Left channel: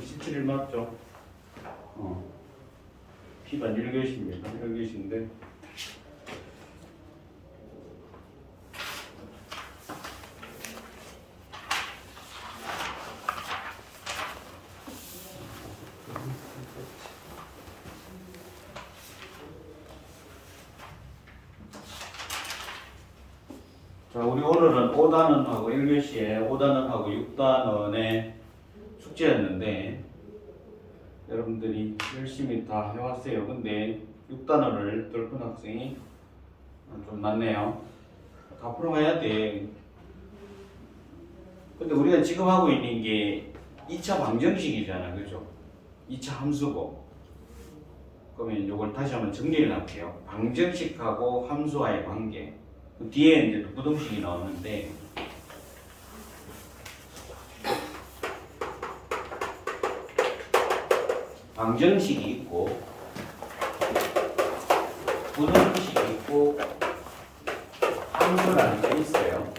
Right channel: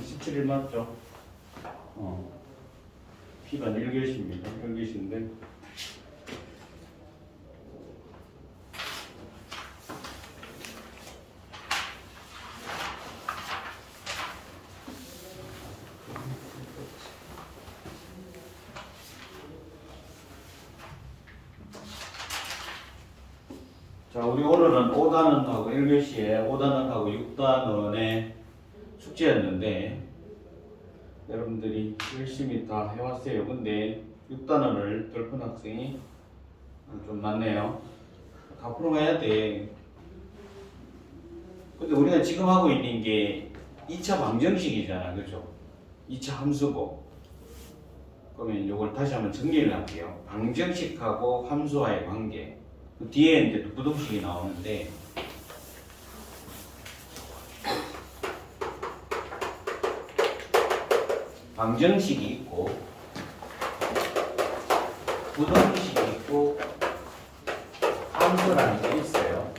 17일 맞죠? P반 1교시입니다. 1교시인데 자, 우리 오늘은 5단원하고 1교시에 5단원하고 6단원의 숙제였는데 여러분들이 열심히 다 해왔어요. 근데 6단원을 덜픈 학생이 좀 많네요. 다 풀어가야 돼. 근데 우리가 지금 하고 있는 게 2차 방정식이잖아. 그죠? 2차 함수고. 그러면 이걸 다시 한번 정리를 할게요. 방정식하고 함수와의 관계. 그 뒤에 이제 부등식이 나오는데 방정식이 있고 부등식이 있고 함수라는 게 있어요.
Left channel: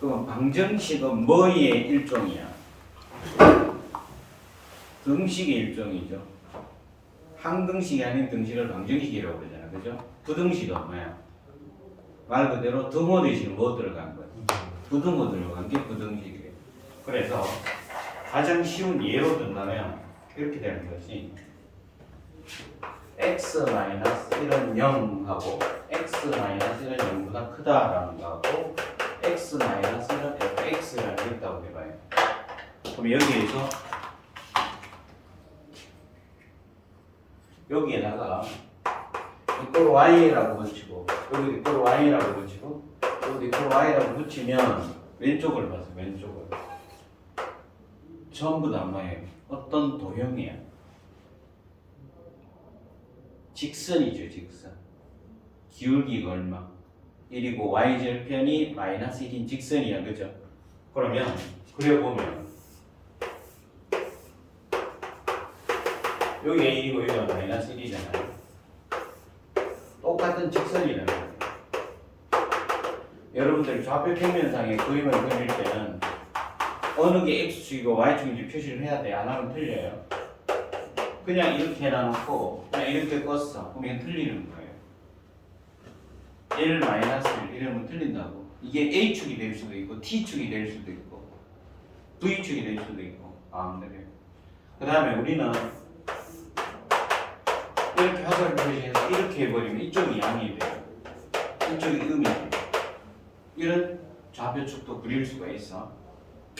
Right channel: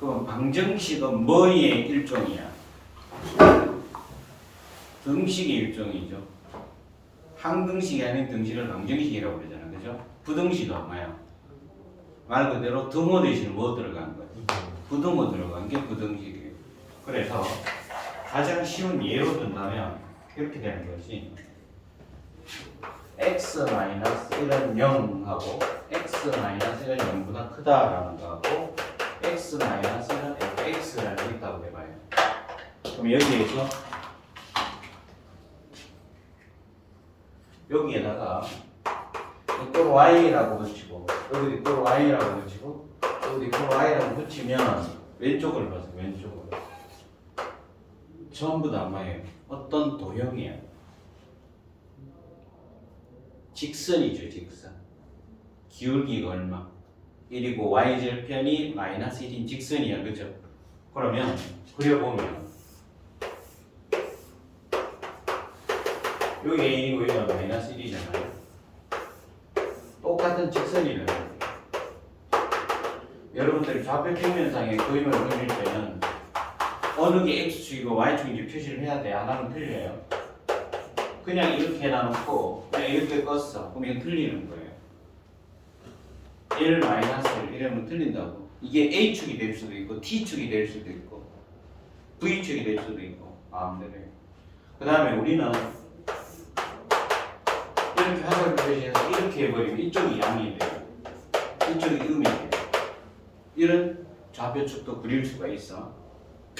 그럼 방정식은 뭐의 일종이야? 등식의 일종이죠. 항등식이 아닌 등식을 방정식이라고 그러잖아. 그죠? 부등식은 뭐야? 말 그대로 등호 대신에 뭐 들어간 거야? 부등호 들어간 게 부등식이에요. 그래서 가장 쉬운 예로 든다면 이렇게 되는 거지. x-1은 0하고 x-1은 0보다 크다라는 거하고 x-1은 fx라는 게 있다고 해봐요. 그럼 여기에다가 이꼴 y라고 붙이고 여기 이꼴 y라고 붙이고 여기 이꼴 y라고 붙이면 왼쪽을 봐서 왼쪽을 전부 다 뭐예요? 어떤 도형이야? 직선이죠, 직선. 기울기가 얼마? 1이고 y절편이 마이너스 1인 직선이야, 그죠? 그러면 그려보면 여기 a이고 여기가 마이너스 1이잖아요. 똑같은 직선이라는 거예요. 여러분들이 좌표 평면상에 그림을 그릴 때는 어느 게 x축이고 y축인지 표시를 해야 돼. 안 하면 틀려요. 그냥 이렇게 해놔놓고 그냥 이렇게 껐어. 그럼 이건 틀리는 거예요. 1 마이너스 1 이러면 틀린다고. 이게 a축이 될 수도 있고 t축이 될 수도 있고 v축이 될 수도 있고 마음대로. 그 다음에 우리는 이렇게 화살을 표시해서 이렇게 해버리면 이쪽이 양이 돼요. 이쪽이 음이 돼요. 이런 좌표축도 그릴 수가 있어.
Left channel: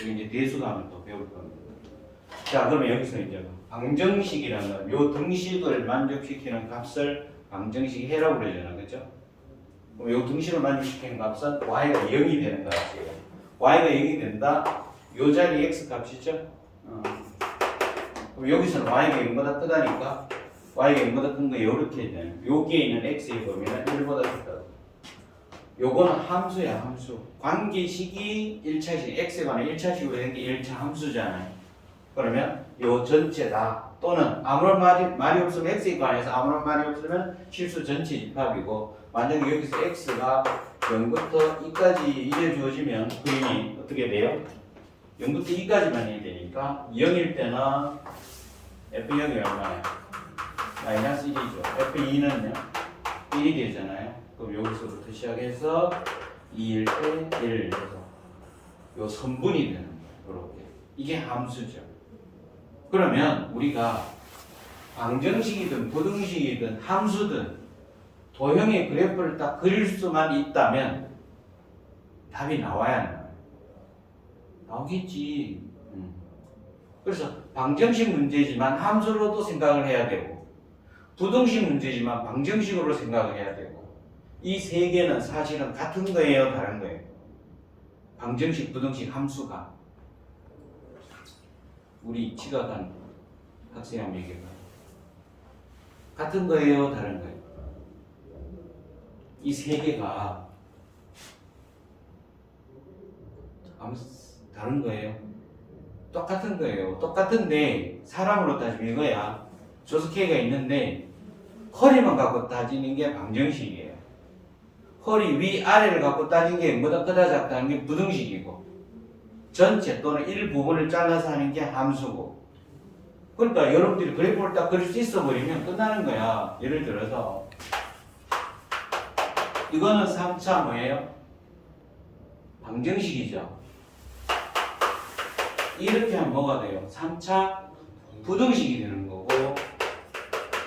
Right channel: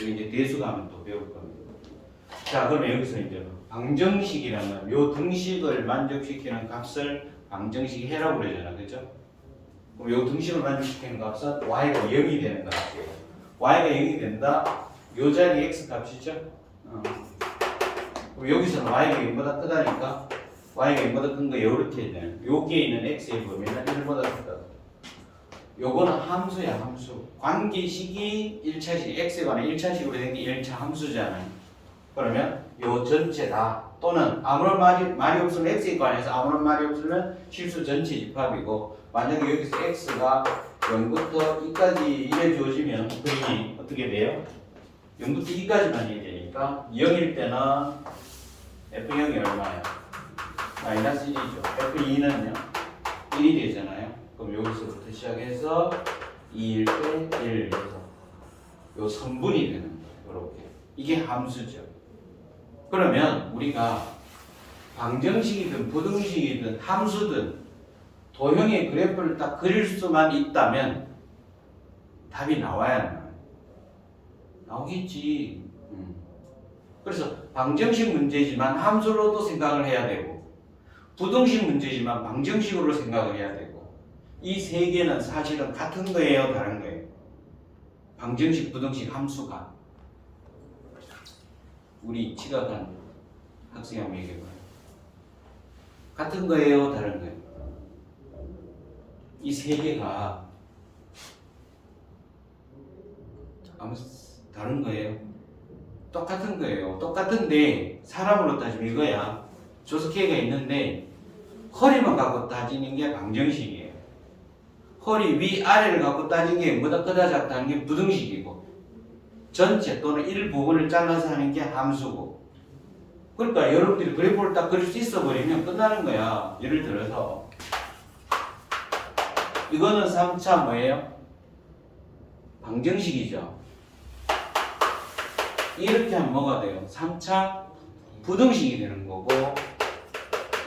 여기 이제 대수가면 또 배울 겁니다. 자, 그러면 여기서 이제 방정식이라는 요 등식을 만족시키는 값을 방정식 해라고 그러잖아, 그죠? 그럼 요 등식을 만족시키는 값은 y가 0이 되는 것 같아요. y가 0이 된다. 요 자리 x 값이죠? 그럼 여기서는 y가 0보다 크다니까 y가 0보다 큰 거 이렇게 돼. 여기에 있는 x에 보면 1보다 크다. 요거는 함수야, 함수. 관계식이 1차식, x에 관한 1차식으로 된 게 1차 함수잖아요. 그러면 요 전체 다 또는 아무런 말이 없으면 x에 관해서 아무런 말이 없으면 실수 전체 집합이고 만약에 여기서 x가 0부터 2까지 이래 주어지면 그림이 어떻게 돼요? 0부터 2까지만 해야 되니까 0일 때는 f0이 얼마예요? 마이너스 1이죠. f2는요? 1이 되잖아요. 그럼 여기서부터 시작해서 2일 때 1, 요 선분이 되는 거예요. 이렇게. 이게 함수죠. 그러면 우리가 방정식이든 부등식이든 함수든 도형의 그래프를 딱 그릴 수만 있다면 답이 나와야 나와요. 나오겠지. 그래서 방정식 문제지만 함수로도 생각을 해야 되고 부등식 문제지만 방정식으로 생각을 해야 되고 이 세 개는 사실은 같은 거예요, 다른 거예요? 방정식, 부등식, 함수가 우리 지각한 학생 한번 얘기해봐. 같은 거예요, 다른 거예요? 이 세 개가 다른 거예요? 똑같은 거예요. 똑같은데 사람으로 따지면 이거야. 조석회가 있는데 허리만 갖고 따지는 게 방정식이에요. 허리 위 아래를 갖고 따지는 게 뭐다 크다 작다는 게 부등식이고 전체 또는 일부분을 잘라서 하는 게 함수고. 그러니까 여러분들이 그래프를 딱 그릴 수 있어 버리면 끝나는 거야. 예를 들어서 이거는 3차 뭐예요? 방정식이죠. 이렇게 하면 뭐가 돼요? 3차 부등식이 되는 거고,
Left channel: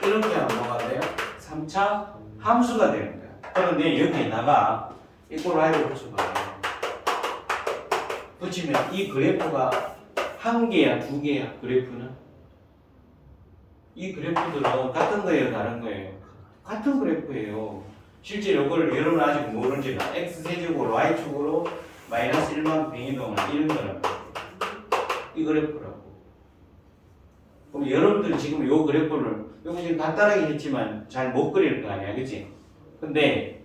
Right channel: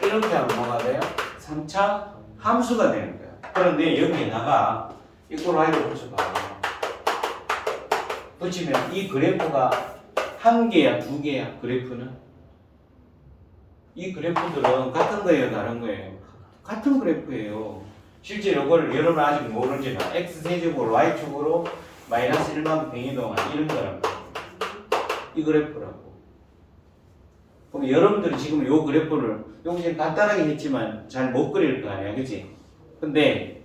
이렇게 하면 뭐가 돼요? 3차 함수가 되는 거야. 그런데 여기에다가 이걸 Y를 붙여봐. 붙이면 이 그래프가 한 개야, 두 개야, 그래프는? 이 그래프들은 같은 거예요, 다른 거예요? 같은 그래프예요. 실제로 이걸 여러분 아직 모르지만 x세제곱을 y축으로 마이너스 1만 배 이동한 이런 거란 말이에요. 이 그래프라고. 그럼 여러분들이 지금 이 그래프를 여기 간단하게 했지만 잘 못 그릴 거 아니야, 그치? 근데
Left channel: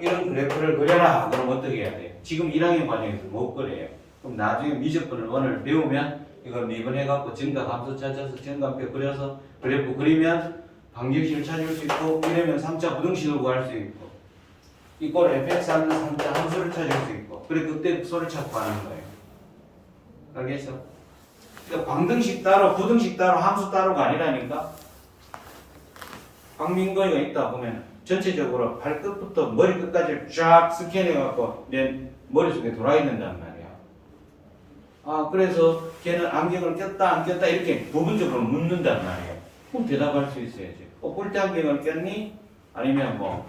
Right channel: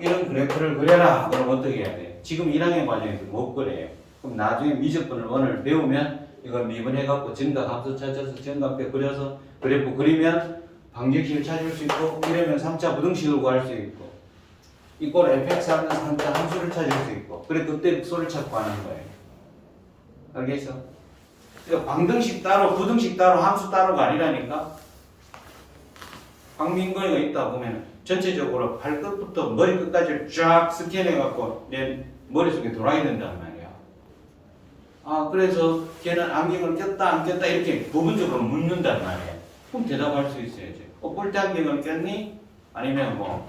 이런 그래프를 그려라. 그럼 어떻게 해야 돼? 지금 1학년 과정에서 못 그려요. 그럼 나중에 미적분 1을 배우면 이걸 미분해갖고 증가함수 찾아서 증가표 그려서 그래프 그리면 방정식을 찾을 수 있고, 이러면 3차 부등식을 구할 수 있고, 이걸 fx 하는 3차 함수를 찾을 수 있고, 그래 그때 소를 찾고 하는 거예요. 알겠어? 그러니까 방정식 따로 부등식 따로 함수 따로가 아니라니까. 박민거이가 있다 보면 전체적으로 발끝부터 머리끝까지 쫙 스캔해갖고 내 머릿속에 돌아야 된단 말이야. 아, 그래서 걔는 안경을 꼈다 안 꼈다 이렇게 부분적으로 묻는단 말이야. 그럼 대답할 수 있어야지. 뿔테 안경을 꼈니? 아니면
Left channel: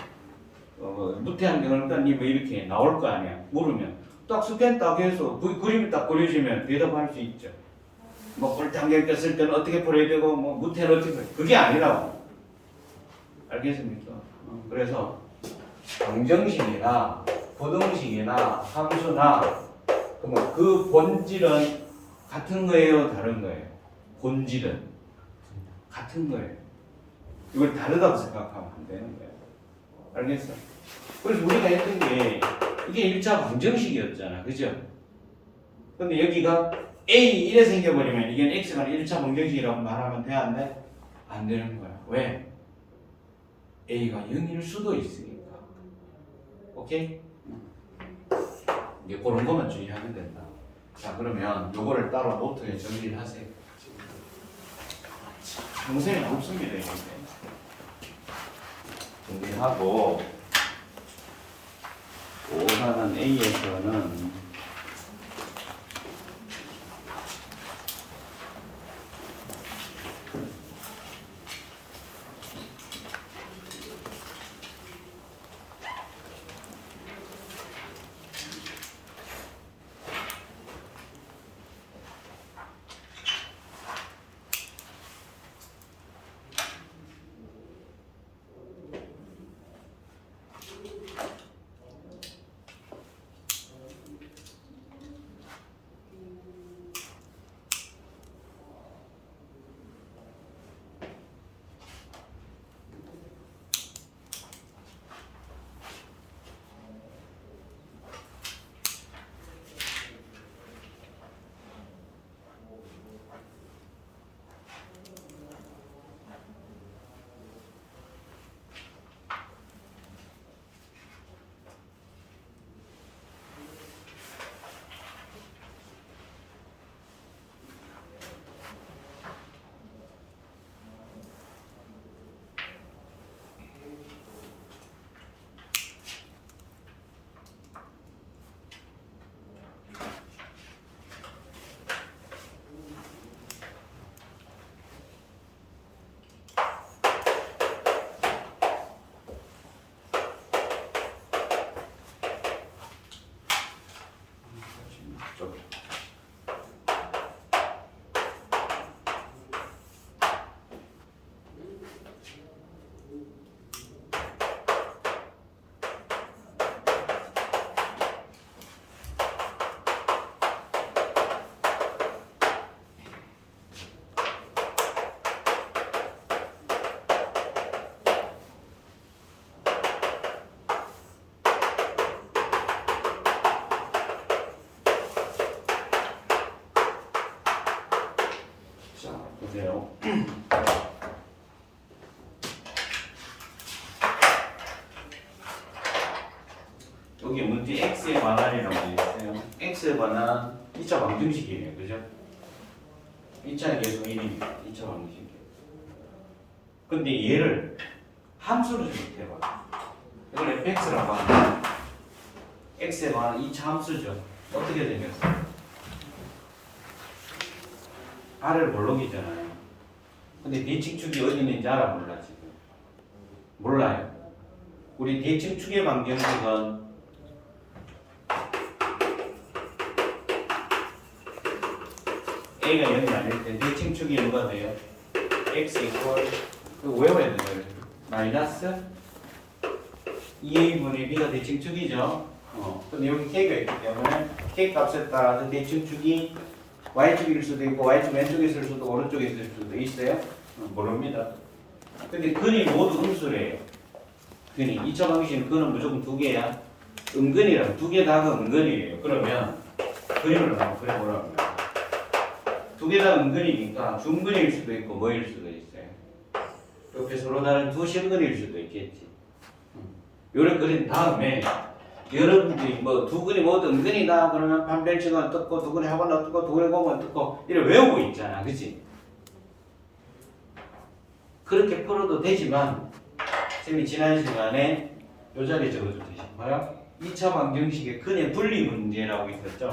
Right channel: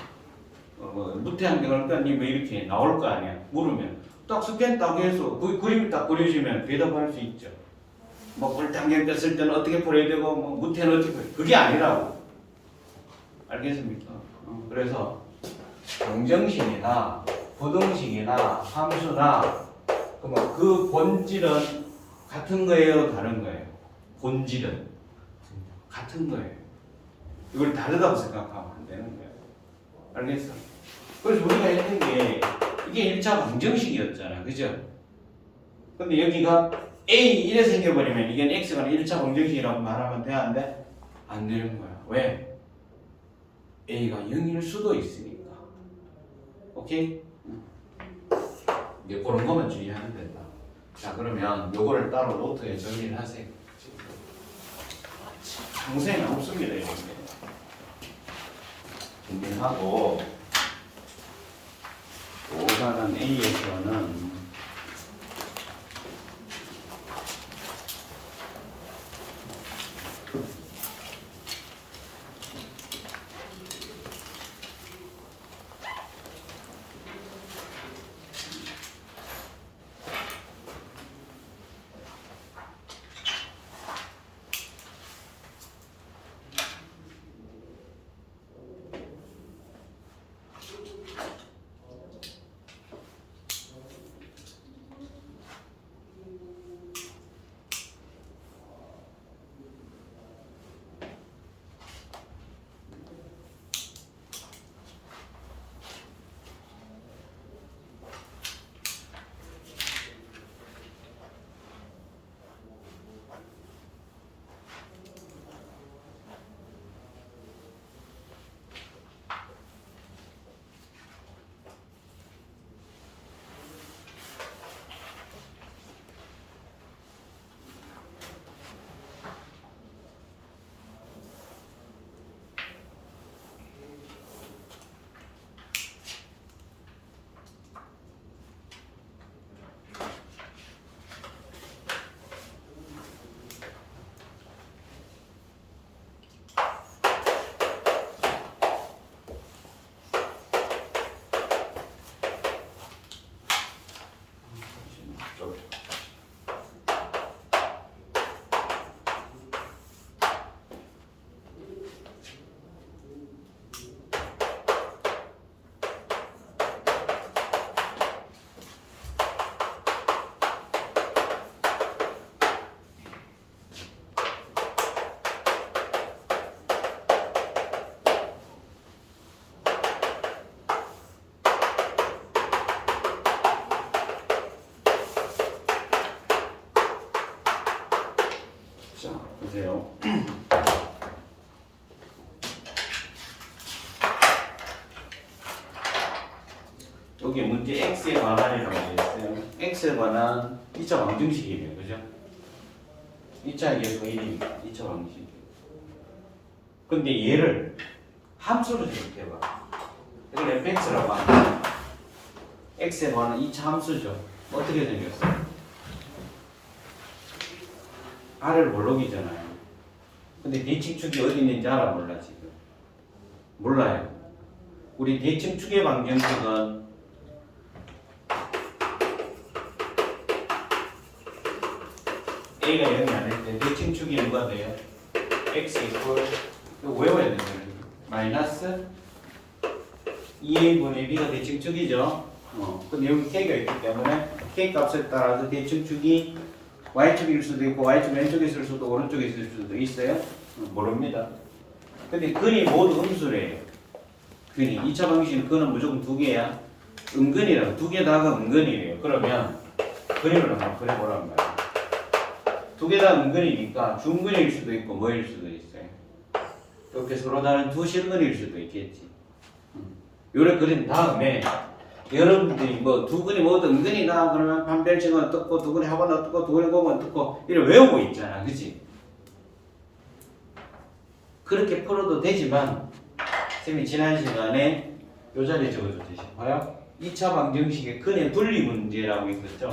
무태 안경을 꼈니? 뭐 이렇게 나올 거 아니야. 물으면 딱 스캔 딱 해서 그 그림이 딱 그려지면 대답할 수 있죠. 뭐 뿔테 안경 꼈을 때는 어떻게 풀어야 되고 뭐 무태는 어떻게 그게 아니라고. 알겠습니까? 그래서 방정식이나 부등식이나 함수나 그러면 그 본질은 같은 거예요, 다른 거예요? 본질은 같은 거예요. 이걸 다르다고 생각하면 안 되는 거예요. 알겠어? 그래서 우리가 했던 게 이게 1차 방정식이었잖아, 그죠? 근데 여기가 A 이래 생겨버리면 이게 X가 1차 방정식이라고 말하면 돼, 안 돼? 안 되는 거야. 왜? A가 0일 수도 있으니까. 오케이? 이제 그런 것만 주의하면 된다. 자, 그러면 요거를 따로 노트에 정리를 하세요. 평생 없습니다, 이런 게. 정리하고, 5사는 A에서는 보세요. 여기 문제 x에 관한이라고 되어 있어요. x에 관한 2차 방정식이에요. 그죠? 2차 계속 1입니다. 2차 방정식. 근데 얘를 함수로 생각해봐. 이걸 fx라고 하면 x에 관한 2차 함수죠. 어떻게 생겼어? r을 몰록이잖아요. 근데 대칭축이 어디 있는지 알아 몰라 지금? 몰라요. 우리 대칭축의 방정식은 a가 0이 아닐 때 대칭축이 뭐가 돼요? x 이퀄 이거 외워야 되는 거예요. 마이너스 2a분의 b가 대칭축이죠. 근데 여기 k가 있기 때문에 k 값에 따라서 대칭축이 y축일 수도 있고 y축 왼쪽에 있을 수도 오른쪽에 있을 수도 있어요. 모릅니다. 근데 근이 모두 음수래요. 근이 2차 방식은 근은 무조건 두 개야. 음근이라고 두 개 다가 음근이에요. 그러면 그림을 한번 그려보란 말이에요. 두 개 다 음근이니까 중근일 수도 있고 뭐일 수도 있어요. 이렇게 서로 다른 두 실근일 수도 있겠지. 요래 그린 다음에 여러분들이 뭐 두 근이 모두 음근이다 그러면 판별식은 어떻고 두 근이 합은 어떻고 두 근이 곱은 어떻고 이래 외우고 있잖아. 그치? 그렇게 풀어도 되지만 선생님이 지난 시간에 요 자리에 적어줬듯이 봐요. 2차 방정식의 근의 분리 문제라고 있었죠.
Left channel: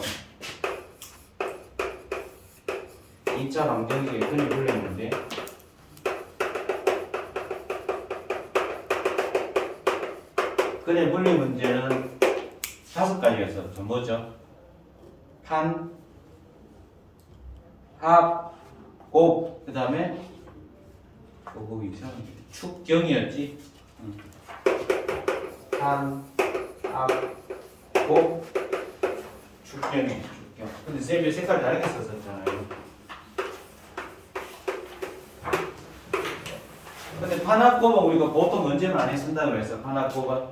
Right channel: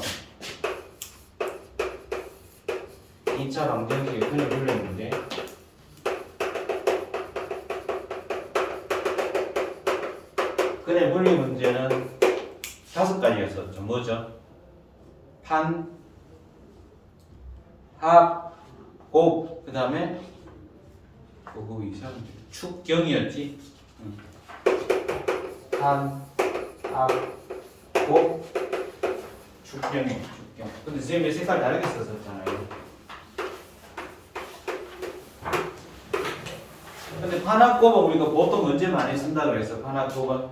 2차 방정식의 근의 분리 문제. 근의 분리 문제는 5가지였었죠. 뭐죠? 판, 합, 곱, 그 다음에 그거 이상한데 축경이었지. 판, 합, 곱, 축경이에요. 축경. 근데 쌤이 색깔 다르게 썼었잖아요. 근데 판합곱은 우리가 보통 문제 많이 쓴다 그래서 판합곱은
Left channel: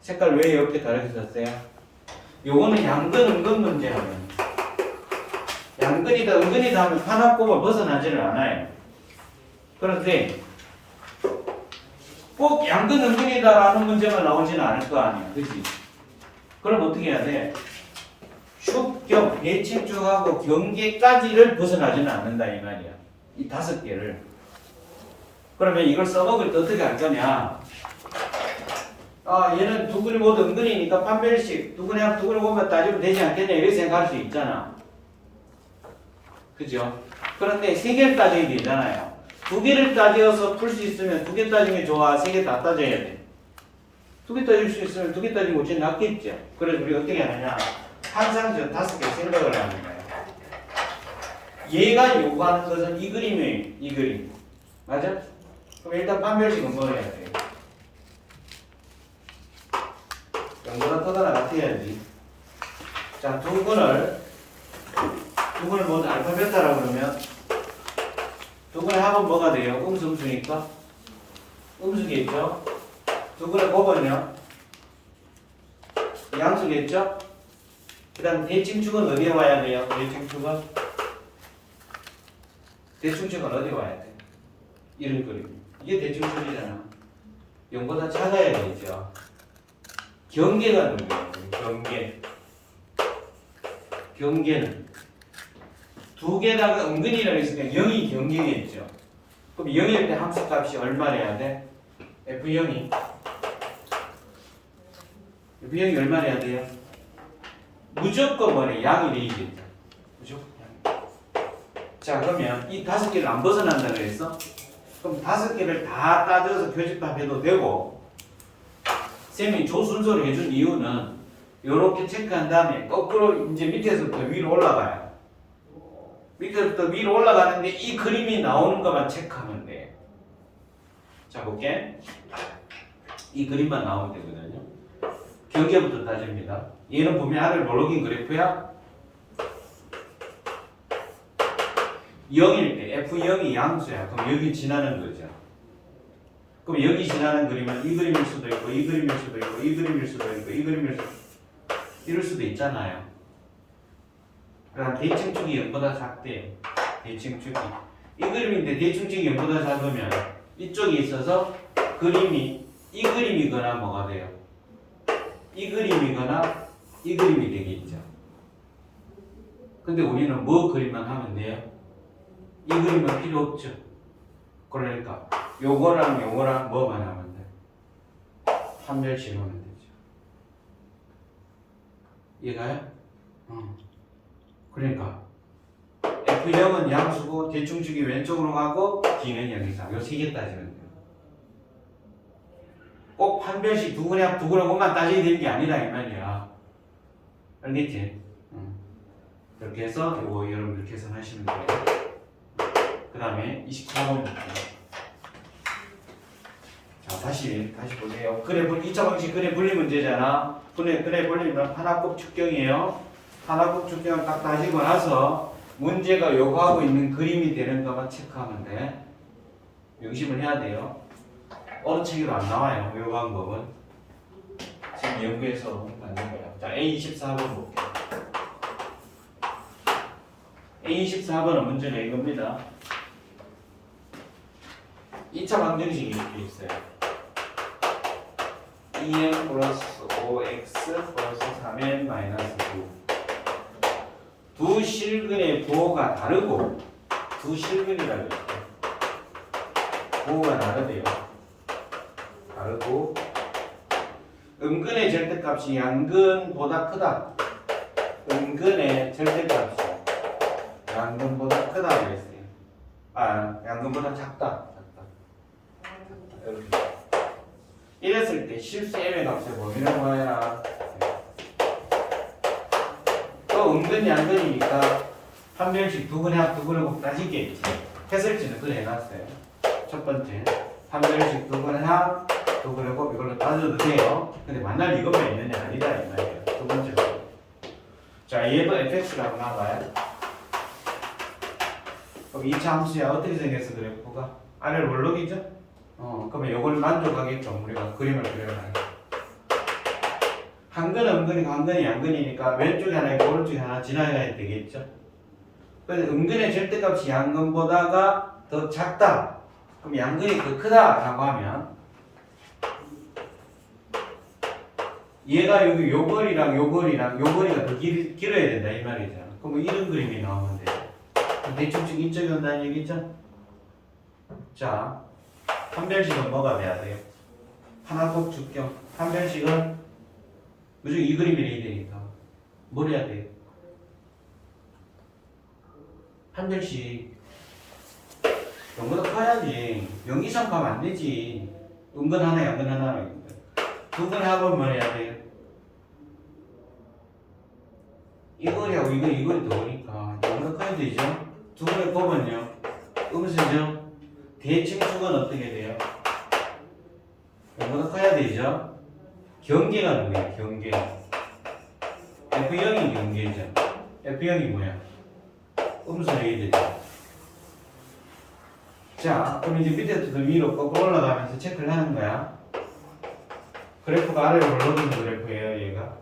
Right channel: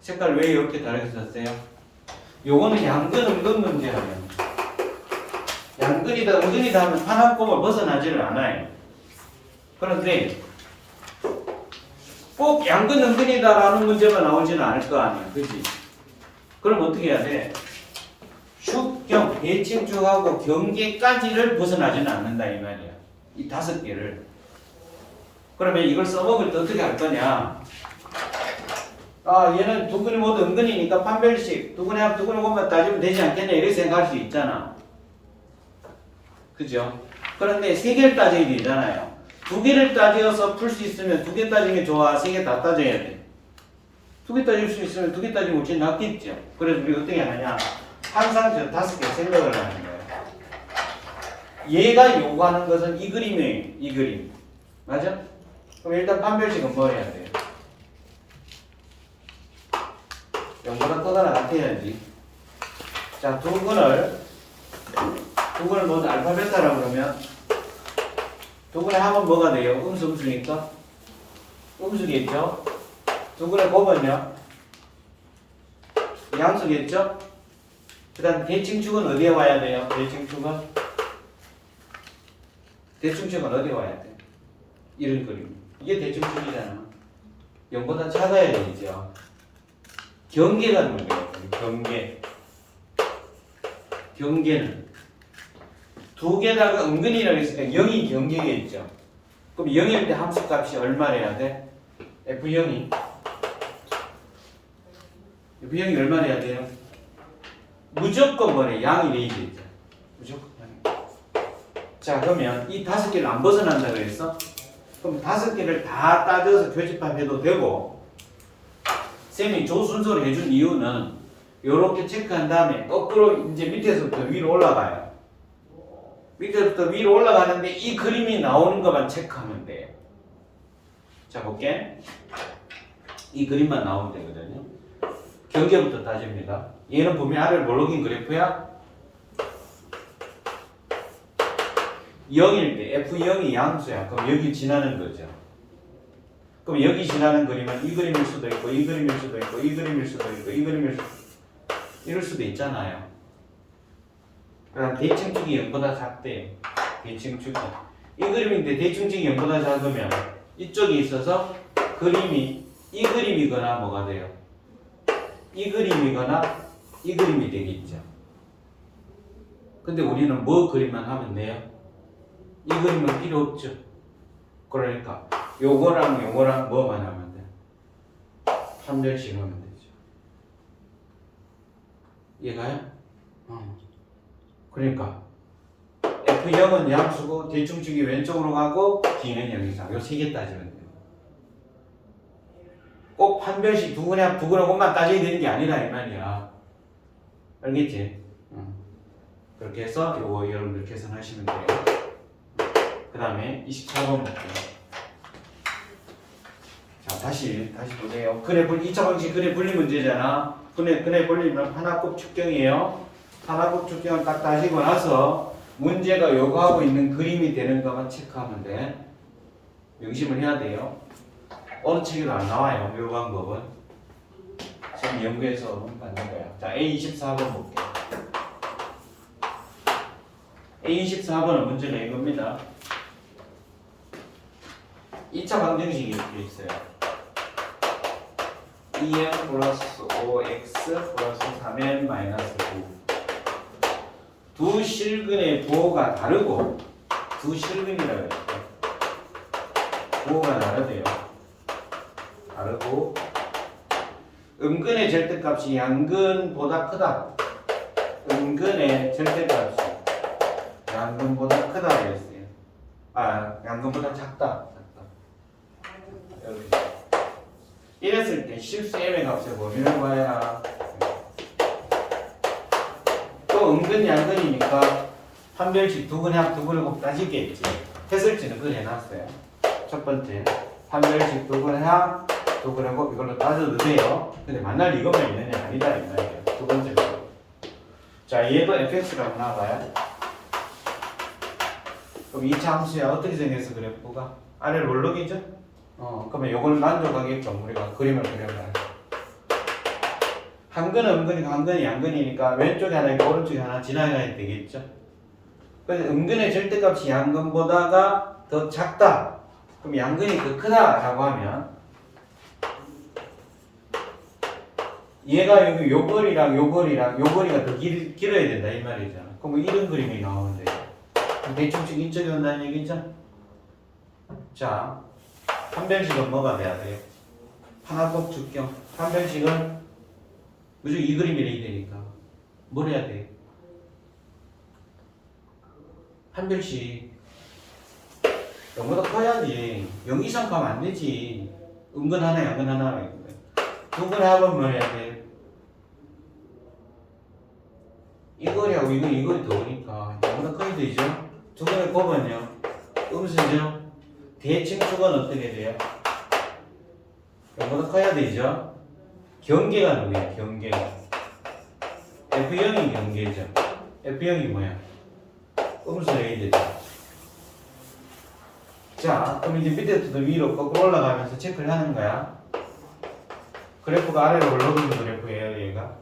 색깔 왜 이렇게 다르게 썼어요? 요거는 양근 음근 문제 하면 양근이다 음근이다 하면 판합곱을 벗어나지를 않아요. 그런데 꼭 양근 음근이다라는 문제가 나오지는 않을 거 아니야. 그치? 그럼 어떻게 해야 돼? 축경, 대칭축하고 경계까지를 벗어나지는 않는다 이 말이야. 이 5개를. 그러면 이걸 써먹을 때 어떻게 할 거냐? 아, 얘는 두 근이 모두 음근이니까 판별식 두 근이 합 두 근이 곱만 따지면 되지 않겠냐 이렇게 생각할 수 있잖아. 그죠? 그런데 3개를 따져야 되잖아요. 2개를 따져서 풀 수 있으면 2개 따지면 좋아. 3개 다 따져야 돼. 2개 따질 수 있으면 2개 따지면 제일 낫겠죠. 그래서 우리가 어떻게 하느냐? 항상 저 5개 생각을 하는 거예요. 얘가 요구하는 것은 이 그림이에요. 이 그림. 맞아? 그럼 일단 판별식은 뭐 해야 돼요? 0보다 크거나 같아야지. 자, 두 근을 먼저 알파 베타라고 그러면 두 근의 합은 뭐가 돼요? 음수 음수니까 음수겠죠? 두 근의 곱은요? 양수겠죠? 그 다음 대칭축은 어디에 와야 돼요? 대칭축은 어디에 와야 돼요? 이런 그림. 이게 대칭축이잖아. 0보다 작아야 되죠. 경계가 누구예요? 경계는 두 개다가 은근이라고 있으니까 0이 경계겠죠. 그럼 0일 때 함수값이 얼마래야 돼? F0이 얼마래야 돼요? 무조건 뭐래? 양이 되겠죠. 무조건. 자, 그러면 이 5개를 안 벗어난다고 했어? 그럼 5개를 다 따져서 교집합해도 되고, 쌤이 조 순서를 해준 이유는 이렇게 체크한 다음에 거꾸로 이제 밑에서부터 위로 올라가요. 밑에서부터 위로 올라가는데 이 그림이 나오는 것만 체크하면 돼요. 자, 볼게. 이 그림만 나오면 되거든요. 경계부터 따집니다. 얘는 보면 아래를 몰록인 그래프야. 0일 때 F0이 양수야. 그럼 여기 지나는 거죠. 그럼 여기 지나는 그림은 이 그림일 수도 있고 이 그림일 수도 있고 이 그림일 수도 있고 이 그림일 수도 이럴 수도 있잖아요. 그다음 대칭축이 0보다 작대요. 대칭축이 이 그림인데 대칭축이 0보다 작으면 이쪽에 있어서 그림이 이 그림이거나 뭐가 돼요? 이 그림이거나 이 그림이 되겠죠. 근데 우리는 뭐 그림만 하면 돼요? 이 그림은 필요 없죠. 그러니까 요거랑 요거랑 뭐만 하면 돼? 판별식 하면 되죠. 이해가요? 그러니까 F0은 양수고 대충축이 왼쪽으로 가고 B는 여기서 요 세 개 따지면 돼요. 꼭 판별식 두근하고만 따져야 되는 게 아니라 이 말이야. 알겠지? 그렇게 해서 요거 여러분들 계산하시면 돼요. 그 다음에 24번 볼게요. 자, 다시 보세요. 근의 2차 방식 근의 분리 문제잖아. 근의 분리는 하나곱 축경이에요. 하나곱 축경을 딱 따지고 나서 문제가 요구하고 있는 그림이 되는 것만 체크하면 돼. 명심을 해야 돼요. 어느 책에도 안 나와요. 요 방법은. 지금 연구해서 받는 거야. 자, A24번 볼게요. A24번은 문제는 이겁니다. 2차 방정식이 이렇게 있어요. 2n 플러스 5x 플러스 3n 마이너스 9. 두 실근의 부호가 다르고, 두 실근이라고 했죠. 부호가 다르대요. 다르고, 음근의 절대값이 양근보다 크다. 음근의 절대값이 양근보다 크다고 했어요. 양근보다 작다. 여기. 이랬을 때 실수 m의 값을 뭐라고 구해라. 또 은근 양근이니까 판별식 두근하고 따지겠지. 해설지는 그래 해놨어요. 첫 번째 판별식 두근하고 이걸로 따져도 돼요. 근데 만날 이거만 있느냐 아니다 이 말이에요. 두 번째. 자, 얘도 fx라고 나와요. 그럼 2차 함수야 어떻게 정했어 그래프가? 아래로 올라오겠죠? 그러면 이걸 만족하게끔 우리가 그림을 그려봐요. 한근은 음근이고 한근은 양근이니까 왼쪽에 하나 있고 오른쪽에 하나 지나가야 되겠죠? 그래서 음근의 절대값이 양근보다가 더 작다. 그럼 양근이 더 크다라고 하면 얘가 여기 요 거리랑 요 거리가 더 길어야 된다 이 말이죠. 그럼 이런 그림이 나오면 돼요. 대충축 이쪽에 온다는 얘기죠? 자, 판별식은 뭐가 돼야 돼요? 하나곱 축경. 판별식은 무조건 이 그림이 돼야 되니까 뭘 해야 돼? 판별식 0보다 커야지. 0 이상 가면 안 되지. 은근 하나 양근 하나 두근하면 뭘 해야 돼? 이 거리하고 이 거리 더우니까 0보다 커야 되죠? 두근을 보면요 음수죠? 대칭축은 어떻게 돼요? 0보다 커야 되죠? 경계가 누구예요? 경계가 F0이 경계죠. F0이 뭐야? 음수 레이드죠. 자, 그럼 이제 밑에부터 위로 거꾸로 올라가면서 체크를 하는 거야. 그래프가 아래로 올라오는 그래프예요 얘가.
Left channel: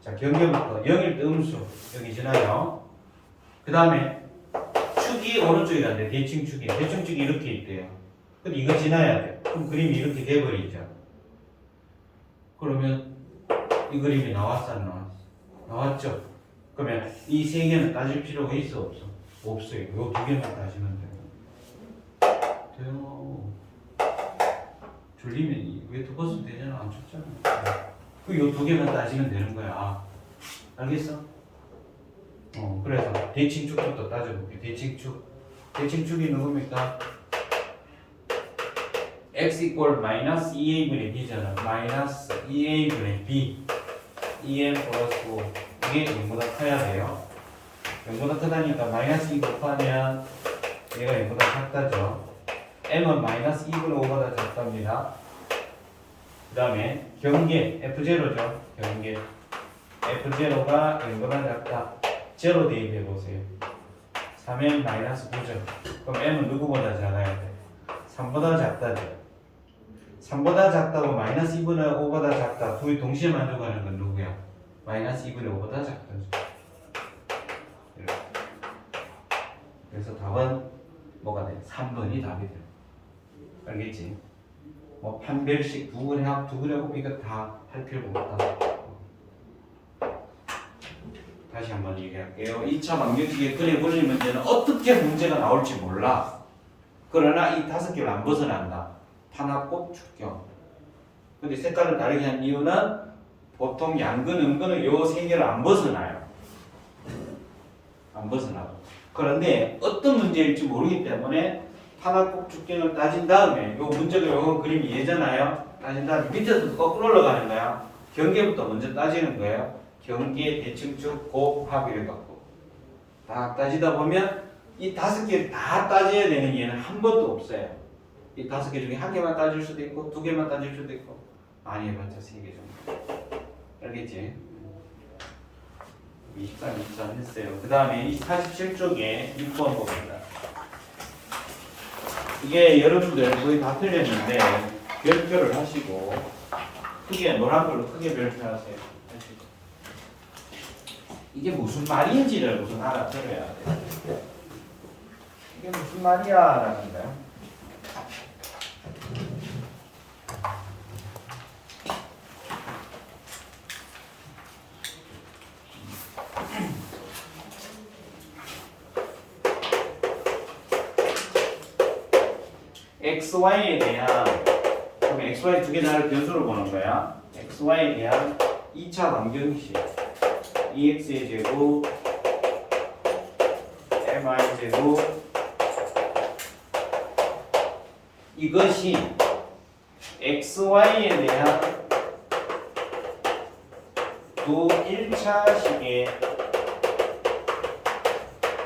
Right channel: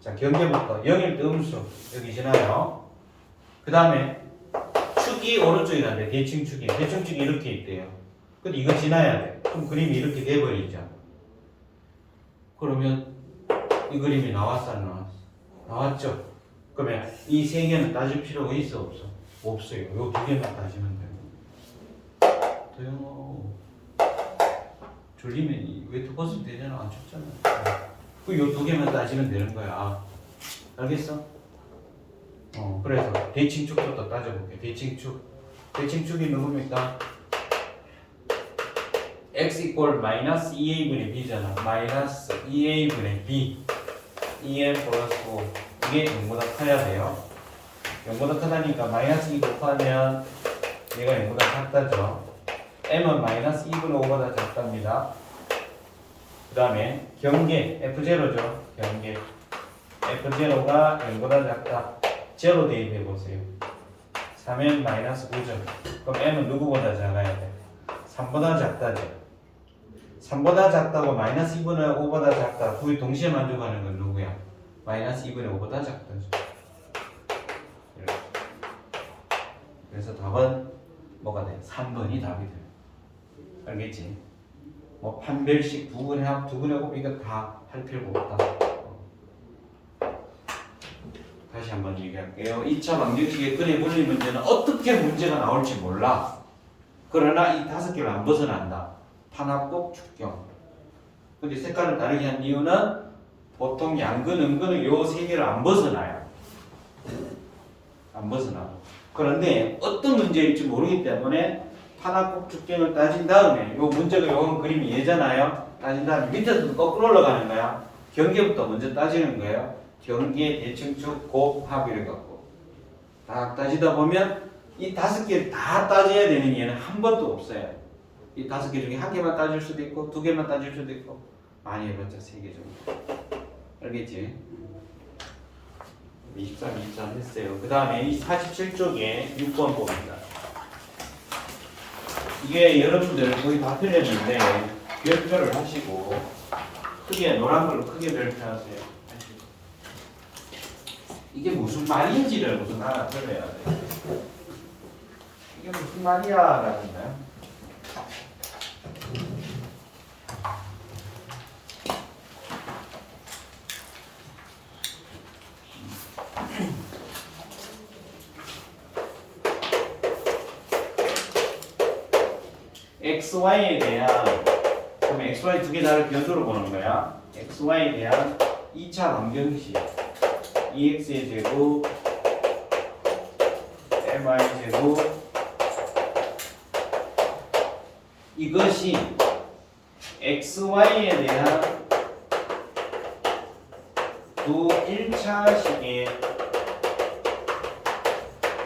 자, 경계부터 0일 때 음수 여기 지나요. 그 다음에 축이 오른쪽이란데 대칭축이 이렇게 있대요. 근데 이거 지나야 돼. 그럼 그림이 이렇게 돼버리죠. 그러면 이 그림이 나왔어 안 나왔어? 나왔죠. 그러면 이 세 개는 따질 필요가 있어 없어? 없어요. 요 두 개만 따지면 되고. 돼요. 졸리면 왜 두 번씩 되잖아. 안 춥잖아. 그 요 두 개만 따지면 되는 거야. 알겠어? 그래서 대칭축부터 따져볼게. 대칭축이 누굽니까? x 이퀄 마이너스 2a분의 b잖아. 마이너스 2a분의 b 2n 플러스 5 이게 0보다 커야 돼요. 0보다 크다니까 마이너스 2 곱하면 얘가 0보다 작다죠. m은 마이너스 2분의 5보다 작답니다. 그 다음에 경계 F0죠. 경계 F0가 0보다 작다. 제로 대입해 보세요. 3n 마이너스 9죠. 그럼 m은 누구보다 작아야 돼? 3보다 작다죠. 3보다 작다고 마이너스 2분의 5보다 작다. 둘이 동시에 만족하는 건 누구야? 마이너스 2분의 5보다 작다죠. 이렇게. 그래서 답은 뭐가 돼? 3번이 답이 돼요. 알겠지? 뭐 판별식 두근하고 이거 다 할 필요가 없다. 다시 한번 얘기할게요. 2차 방정식의 근의 분리 문제는 어떻게 문제가 나올지 몰라. 그러나 이 5개를 안 벗어난다. 탄압곡, 축경. 근데 색깔을 다르게 한 이유는 보통 양근, 음근은 요 3개를 안 벗어나요. 안 벗어나고. 그런데 어떤 문제일지 모르기 때문에 탄압곡, 축경을 따진 다음에 요 문제가 요 그림이 얘잖아요. 따진 다음에 밑에서도 거꾸로 올라가는 거야. 경계부터 먼저 따지는 거예요. 경계, 대칭축, 곱, 합 이래 갖고 딱 따지다 보면 이 5개 다 따져야 되는 얘는 한 번도 없어요. 이 5개 중에 1개만 따질 수도 있고 2개만 따질 수도 있고 많이 해봤자 3개 정도. 알겠지? 23, 23 했어요. 그 다음에 이 47쪽에 6번 봅니다. 이게 여러분들 거의 다 틀렸는데 별표를 하시고 크게 노란 걸로 크게 별표하세요. 이게 무슨 말인지를 무슨 알아들어야 돼요. 이게 무슨 말이야 라는 거야. XY에 대한 그럼 XY 두 개 다를 변수로 보는 거야. XY에 대한 2차 방정식 EX의 제곱 MY 제곱 이것이 XY에 대한 두 1차식의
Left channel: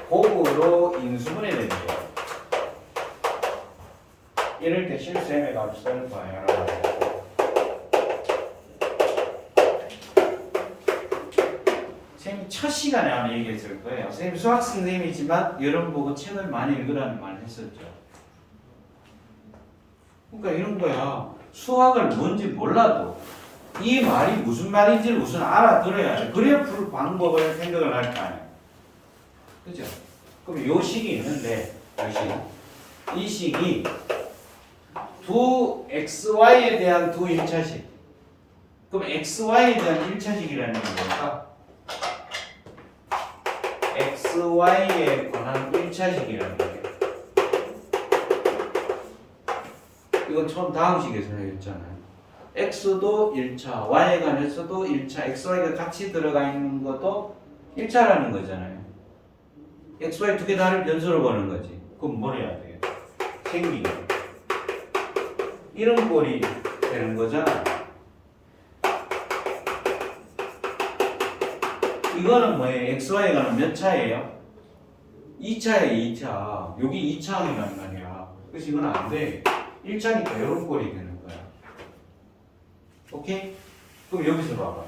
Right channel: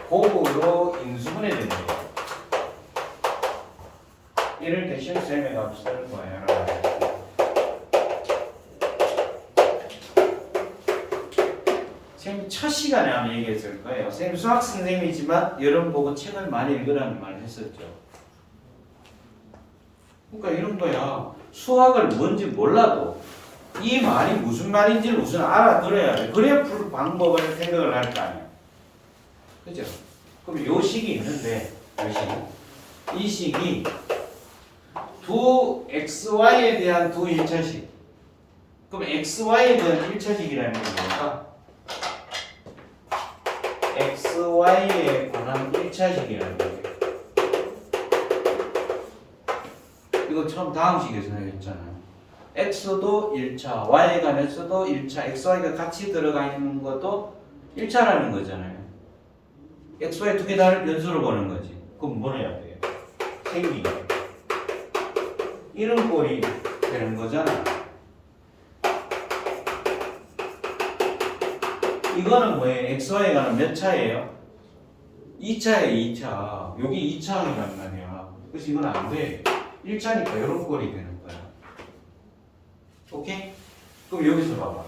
곱으로 인수분해 됩니다. 이럴 때 실수의 값을 구하여라. 선생님이 첫 시간에 아마 얘기했을 거예요. 선생님 수학 선생님이지만 여러분 보고 책을 많이 읽으라는 말을 했었죠. 그러니까 이런 거야. 수학을 뭔지 몰라도 이 말이 무슨 말인지 우선 알아들어야 돼. 그래야 풀 방법을 생각을 할 거 아니야. 그죠? 그럼 요 식이 있는데 요 식. 이 식이 두 XY에 대한 두 1차식. 그럼 XY에 대한 1차식이라는 건 뭘까? XY에 관한 1차식이라는 거예요. 이거 처음 다음 식에서 했잖아요. X도 1차, Y에 관해서도 1차, XY가 같이 들어가 있는 것도 1차라는 거잖아요. XY 두 개 다를 변수로 보는 거지. 그럼 뭘 해야 돼요? 생기게. 이런 꼴이 되는 거잖아. 이거는 뭐예요? XY에 관한 몇 차예요? 2차에 2차. 여기 2차이라는 거 아니야. 그래서 이건 안 돼. 1차니까 이런 꼴이 되는 거야. 오케이? 그럼 여기서 봐봐.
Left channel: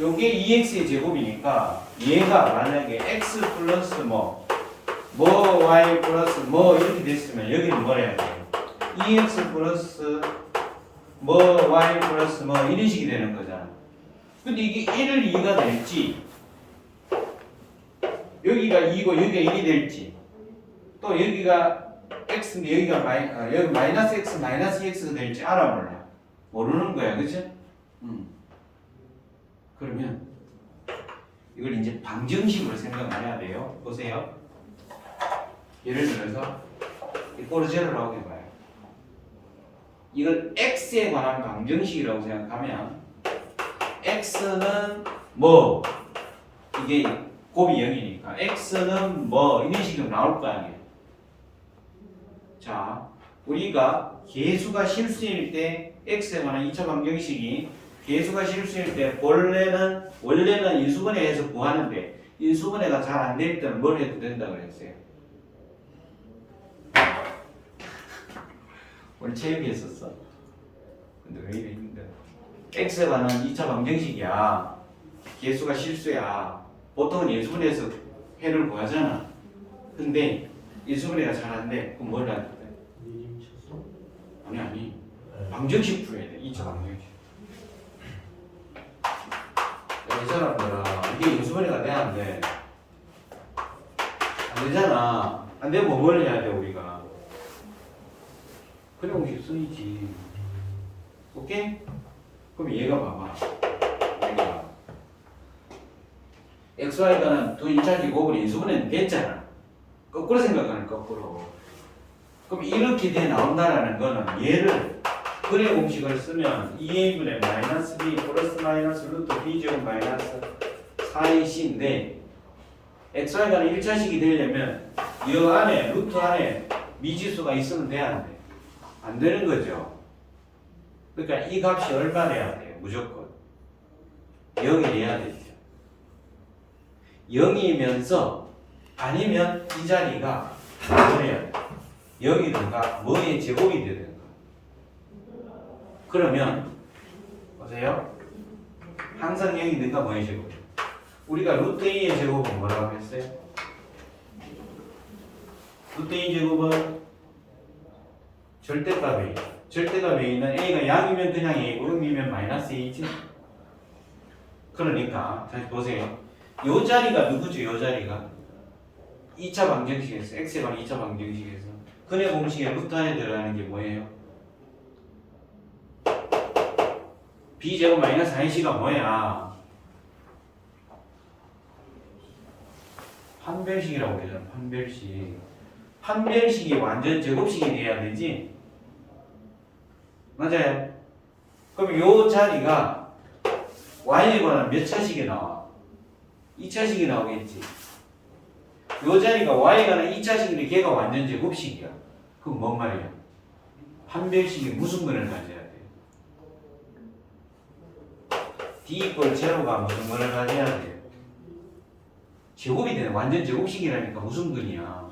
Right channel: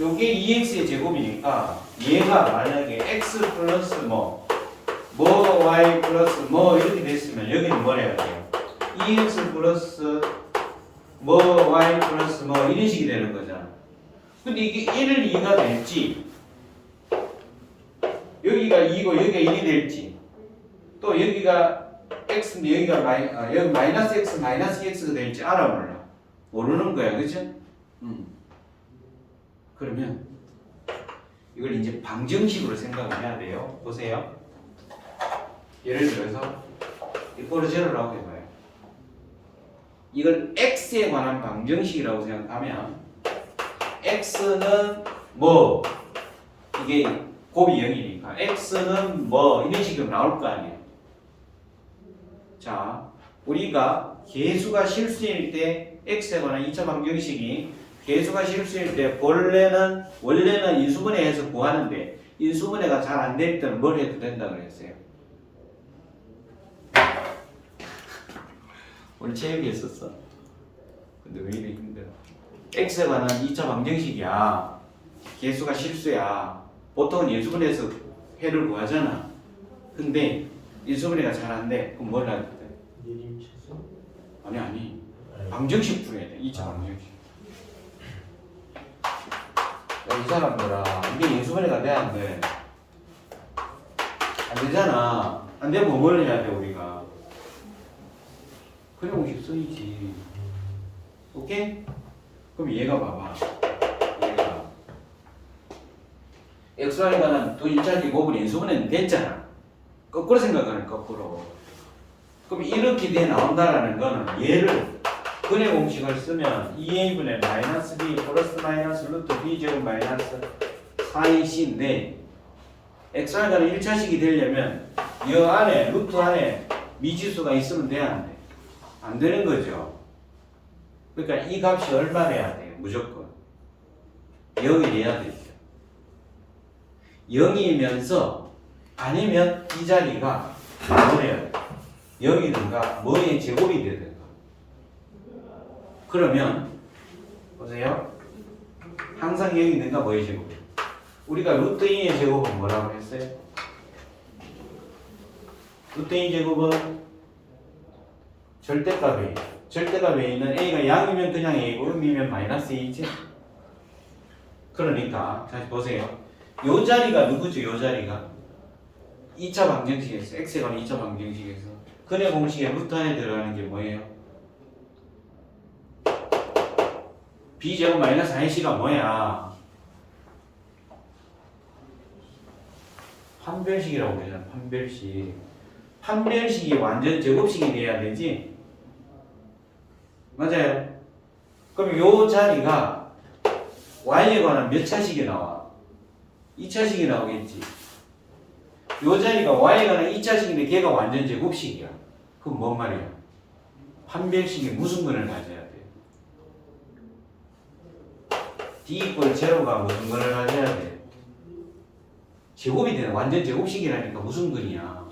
요게 2x의 제곱이니까 얘가 만약에 x 플러스 뭐 y 플러스 뭐 이렇게 됐으면 여기는 뭘 해야 돼요? 2x 플러스 y 플러스 이런 식이 되는 거잖아. 근데 이게 1, 2가 될지 여기가 2고 여기가 1이 될지 또 여기가 x인데 여기가 여기 마이너스 x 마이너스 2x가 될지 알아 몰라? 모르는 거야. 그치? 그러면 이걸 이제 방정식으로 생각을 해야 돼요. 보세요. 예를 들어서 이 포르제로라고 해봐요. 이걸 x에 관한 방정식이라고 생각하면 x는 뭐 이게 곱이 0이니까 x는 뭐 이런 식으로 나올 거 아니에요. 자, 우리가 개수가 실수일 때 x에 관한 2차 방정식이 개수가 실수일 때 원래는 인수분해해서 구하는데 인수분해가 잘 안 될 때는 뭘 해도 된다고 그랬어요. 오늘 체육이 했었어. 근데 왜 이렇게 힘들어? x에 관한 2차 방정식이야. 개수가 실수야. 보통은 인수분해해서 회를 구하잖아. 근데 인수분해가 잘 안 돼. 그럼 뭘 해야 돼? 아니. 방정식 풀어야 돼. 2차 방정식. 이 사람들아, 이게 인수분해가 돼, 안 돼? 안 되잖아. 안 되면 뭘 해야 돼, 우리가? 그래, 공식 쓰이지. 오케이? 그럼 얘가 봐봐. 얘가 xy에 관한 두 1차식 곱을 인수분해는 됐잖아. 거꾸로 생각하는 거꾸로. 그럼 이렇게 돼 나온다라는 거는 얘를 근의 공식을 쓰면 2a분의 마이너스 b 플러스 마이너스 루트 b제곱 마이너스 4ac인데 xy에 관한 1차식이 되려면 이 안에 루트 안에 미지수가 있으면 돼야 안 돼? 안 되는 거죠. 그러니까 이 값이 얼마래야 돼? 무조건 0이 돼야 되죠. 0이면서 아니면 이 자리가 뭐래요? 0이든가 뭐의 제곱이 되든가. 그러면 보세요. 항상 0이든가 뭐의 제곱. 우리가 루트 2의 제곱은 뭐라고 했어요? 루트 2 제곱은 절대값이 절대값에 있는 a가 양이면 그냥 a고 음이면 마이너스 a지. 그러니까 다시 보세요. 요 자리가 누구죠? 요 자리가 2차 방정식에서 x에 관한 2차 방정식에서 근의 공식에 루트 안에 들어가는 게 뭐예요? b제곱 마이너스 4ac가 뭐야? 판별식이라고 그러잖아. 판별식. 판별식이 완전 제곱식이 돼야 되지. 맞아요. 그럼 요 자리가 y에 관한 몇 차식이 나와? 2차식이 나오겠지. 요 자리가 y에 관한 2차식인데 걔가 완전 제곱식이야. 그럼 뭔 말이야? 판별식이 무슨 근을 가져야 돼? d 이퀄 제로가 무슨 근을 가져야 돼? 제곱이 되는 완전 제곱식이라니까 무슨 근이야?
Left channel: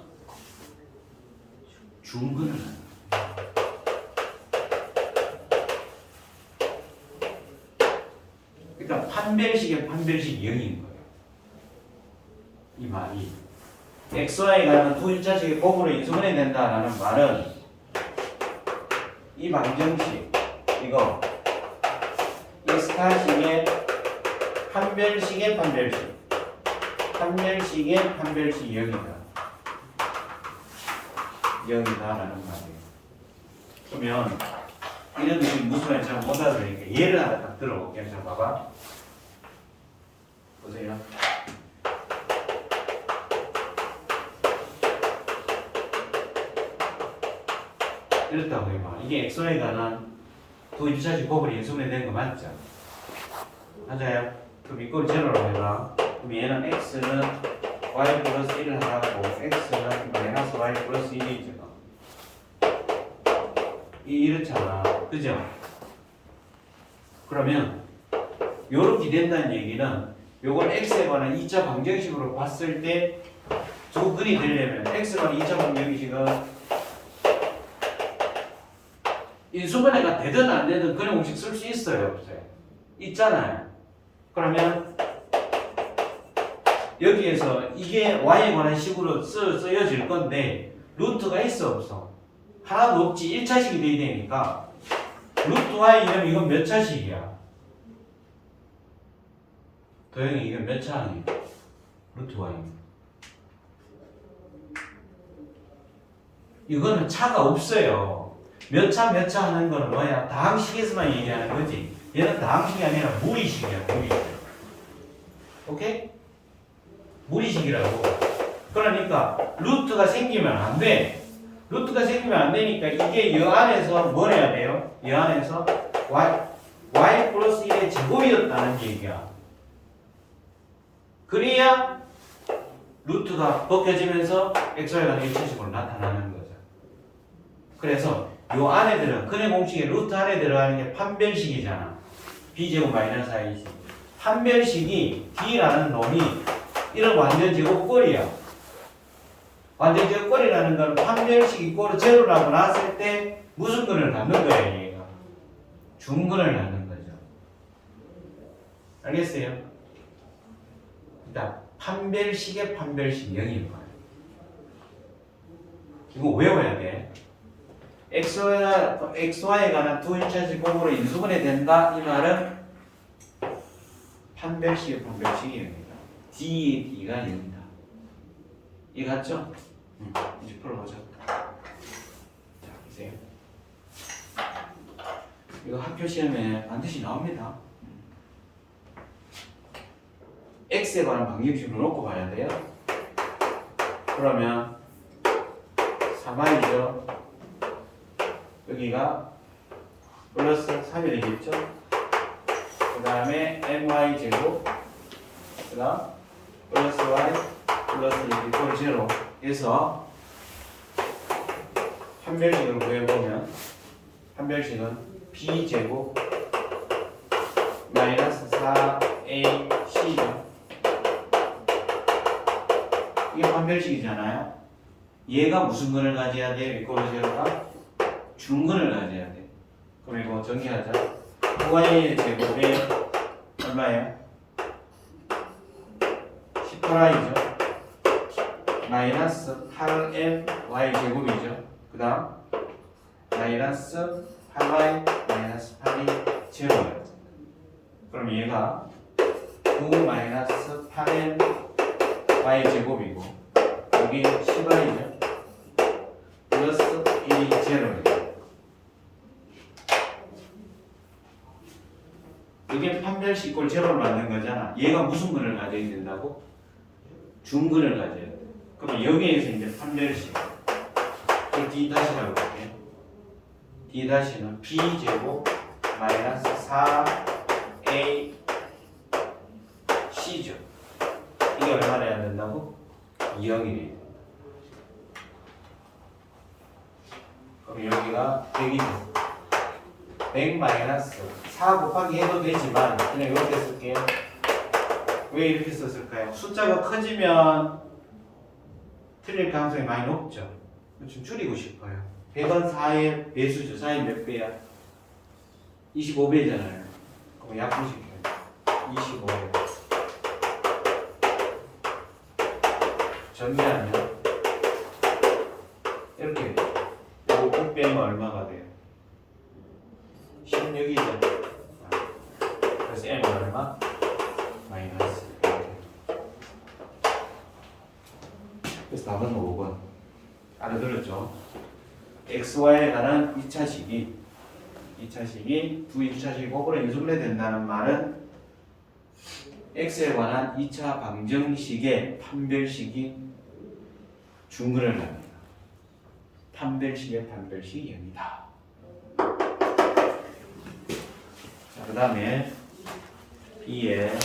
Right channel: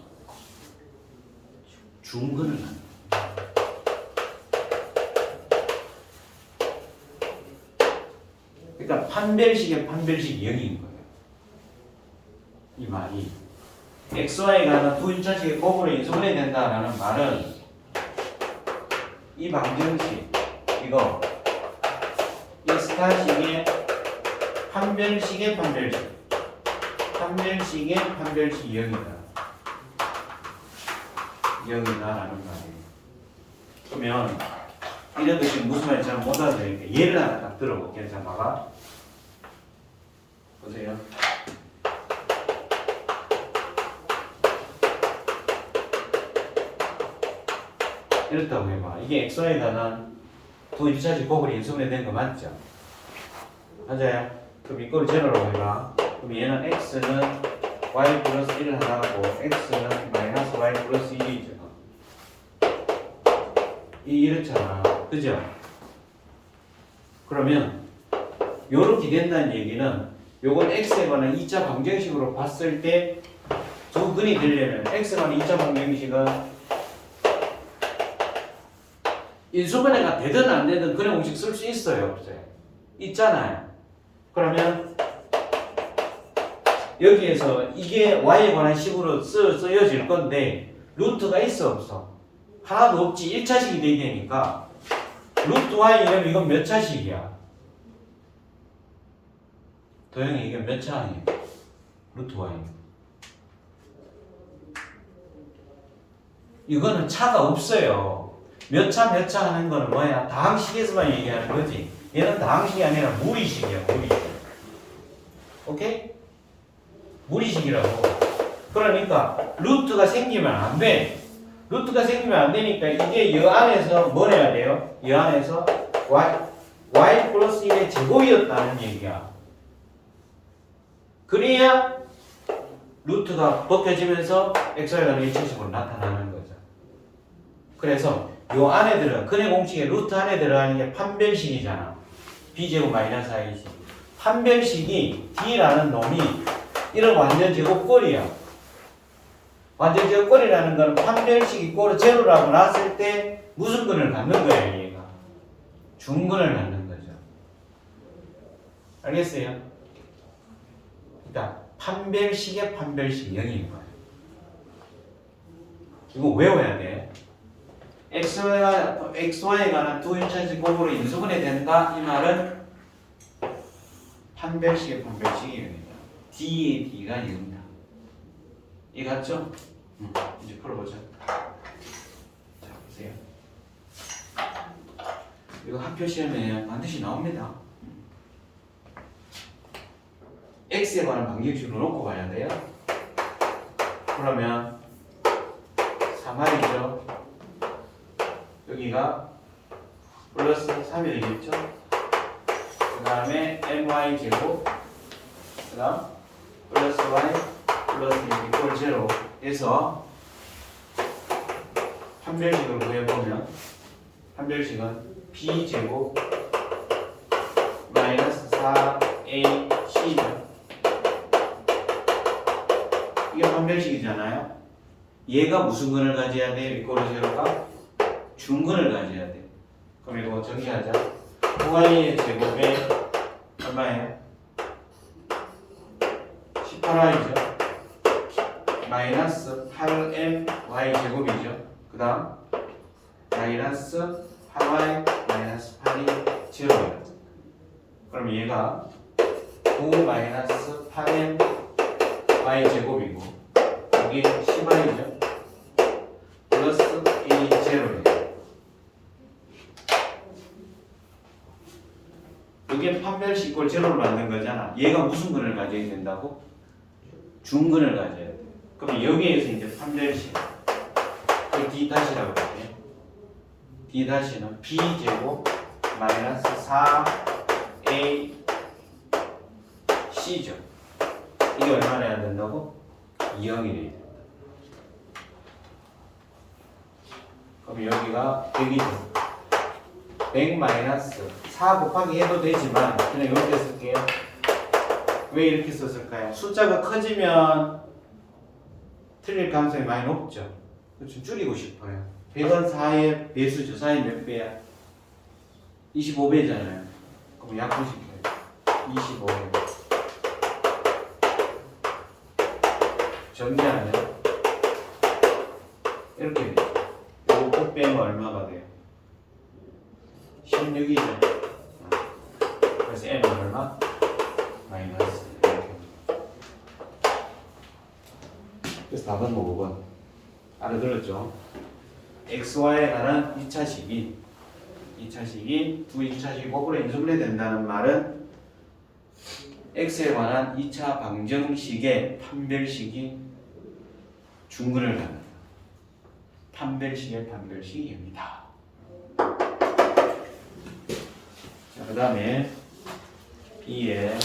중근을 가져야 돼. 그러니까 판별식의 판별식이 0인 거예요. 이 말이 xy에 관한 두 1차식의 곱으로 인수분해 된다라는 말은 이 방정식 이거 스타식의 판별식의 판별식 판별식의 판별식이 0이다. 0이다라는 말이에요. 그러면 이런 것이 무슨 말인지 잘 못 알아들으니까 예를 하나 딱 들어볼게요. 자, 봐봐. 보세요. 이렇다고 해봐. 이게 xy에 관한 두 1차식 곱을 인수분해 된 거 맞죠? 맞아요? 그럼 이걸 제로로 해봐. 그럼 얘는 x는 y 플러스 1 하나고 x는 마이너스 y 플러스 1이 있잖아. 이렇잖아. 그죠? 그러면 요렇게 된다는 얘기는 요건 x에 관한 2차 방정식으로 봤을 때 두 근이 되려면 x에 관한 2차 방정식은 인수분해가 되든 안 되든 그런 공식 쓸 수 있어요. 없어요? 있잖아요. 그러면 여기에서 이게 y에 관한 식으로 쓰여질 건데 루트가 있어 없어? 하나도 없지. 1차식이 돼야 되니까 루트 y이면 이건 몇 차식이야? 도영이 이건 몇 차니? 루트 y는 이거는 차가 없어요. 몇 차 몇 차 하는 거는 뭐야? 다항식에서만 얘기하는 거지. 얘는 다항식이 아니라 무리식이야. 무리식. 오케이? 무리식이라고. 그러니까 루트가 생기면 안 돼. 루트가 생기면 안 되니까 이게 이 안에서 뭘 해야 돼요? 이 안에서 y 플러스 1의 제곱이었다는 얘기야. 그래야 루트가 벗겨지면서 x에 관한 1차식으로 나타나는 거죠. 그래서 요 안에 들어 근의 공식에 루트 안에 들어가는 게 판별식이잖아. b제곱 마이너스 4이지. 판별식이 d라는 놈이 이런 완전 제곱꼴이야. 완전 제곱꼴이라는 건 판별식 이꼴 제로라고 놨을 때 무슨 근을 갖는 거야, 얘가? 중근을 갖는 거죠. 알겠어요? 자, 판별식의 판별식 0인 거야. 이거 외워야 돼. xy에 관한 두 1차식 곱으로 인수분해 된다. 이 말은 판별식의 판별식이 0이다. d의 d가 0이다. 이해 갔죠? 이제 풀어보자. 자, 보세요. 이거 학교 시험에 반드시 나옵니다. x에 관한 방정식으로 놓고 봐야 돼요. 그러면 3i죠. 여기가 플러스 3이 되겠죠. 그 다음에 my 제곱, 그 다음 플러스 y 플러스 1 0 에서 한별식을 구해보면 한별식은 b 제곱 마이너스 4ac죠. 이게 한별식이잖아요. 얘가 무슨 근을 가져야 돼? 위코로 제로가 중근을 가져야 돼. 그럼 이거 정리하자. 9i의 제곱에 얼마예요? 18i죠. 마이너스 8my 제곱이죠. 그 다음 마이너스 8y 마이너스 8이 제로예요. 그럼 얘가 9 마이너스 8m y 제곱이고 여기 10y죠. 플러스 1이 제로예요. 이게 판별식 이꼴 제로를 만든 거잖아. 얘가 무슨 근을 가져야 된다고? 중근을 가져야 돼. 그럼 여기에서 이제 판별식 그 d 다시라고 할게요. d 다시는 b 제곱 마이너스 4a c죠. 이게 얼마나 해야 된다고? 2형이 돼야 돼. 그럼 여기가 100이죠. 100 마이너스 4 곱하기 해도 되지만 그냥 이렇게 쓸게요. 왜 이렇게 썼을까요? 숫자가 커지면 틀릴 가능성이 많이 높죠. 좀 줄이고 싶어요. 100은 4의 배수죠. 4의 몇 배야? 25배잖아요. 그럼 약분시켜요. 25배. 정리하면 이렇게 돼요. 이거 9 빼면 얼마가 돼요? 16이죠. 그래서 n은 얼마? 마이너스. 그래서 답은 5번. 알아들었죠? xy에 관한 2차식이 두 2차식이 거꾸로 인수분해 된다는 말은 x에 관한 2차 방정식의 판별식이 중근을 갖는다. 판별식의 판별식이 여기다. 그 다음에 B에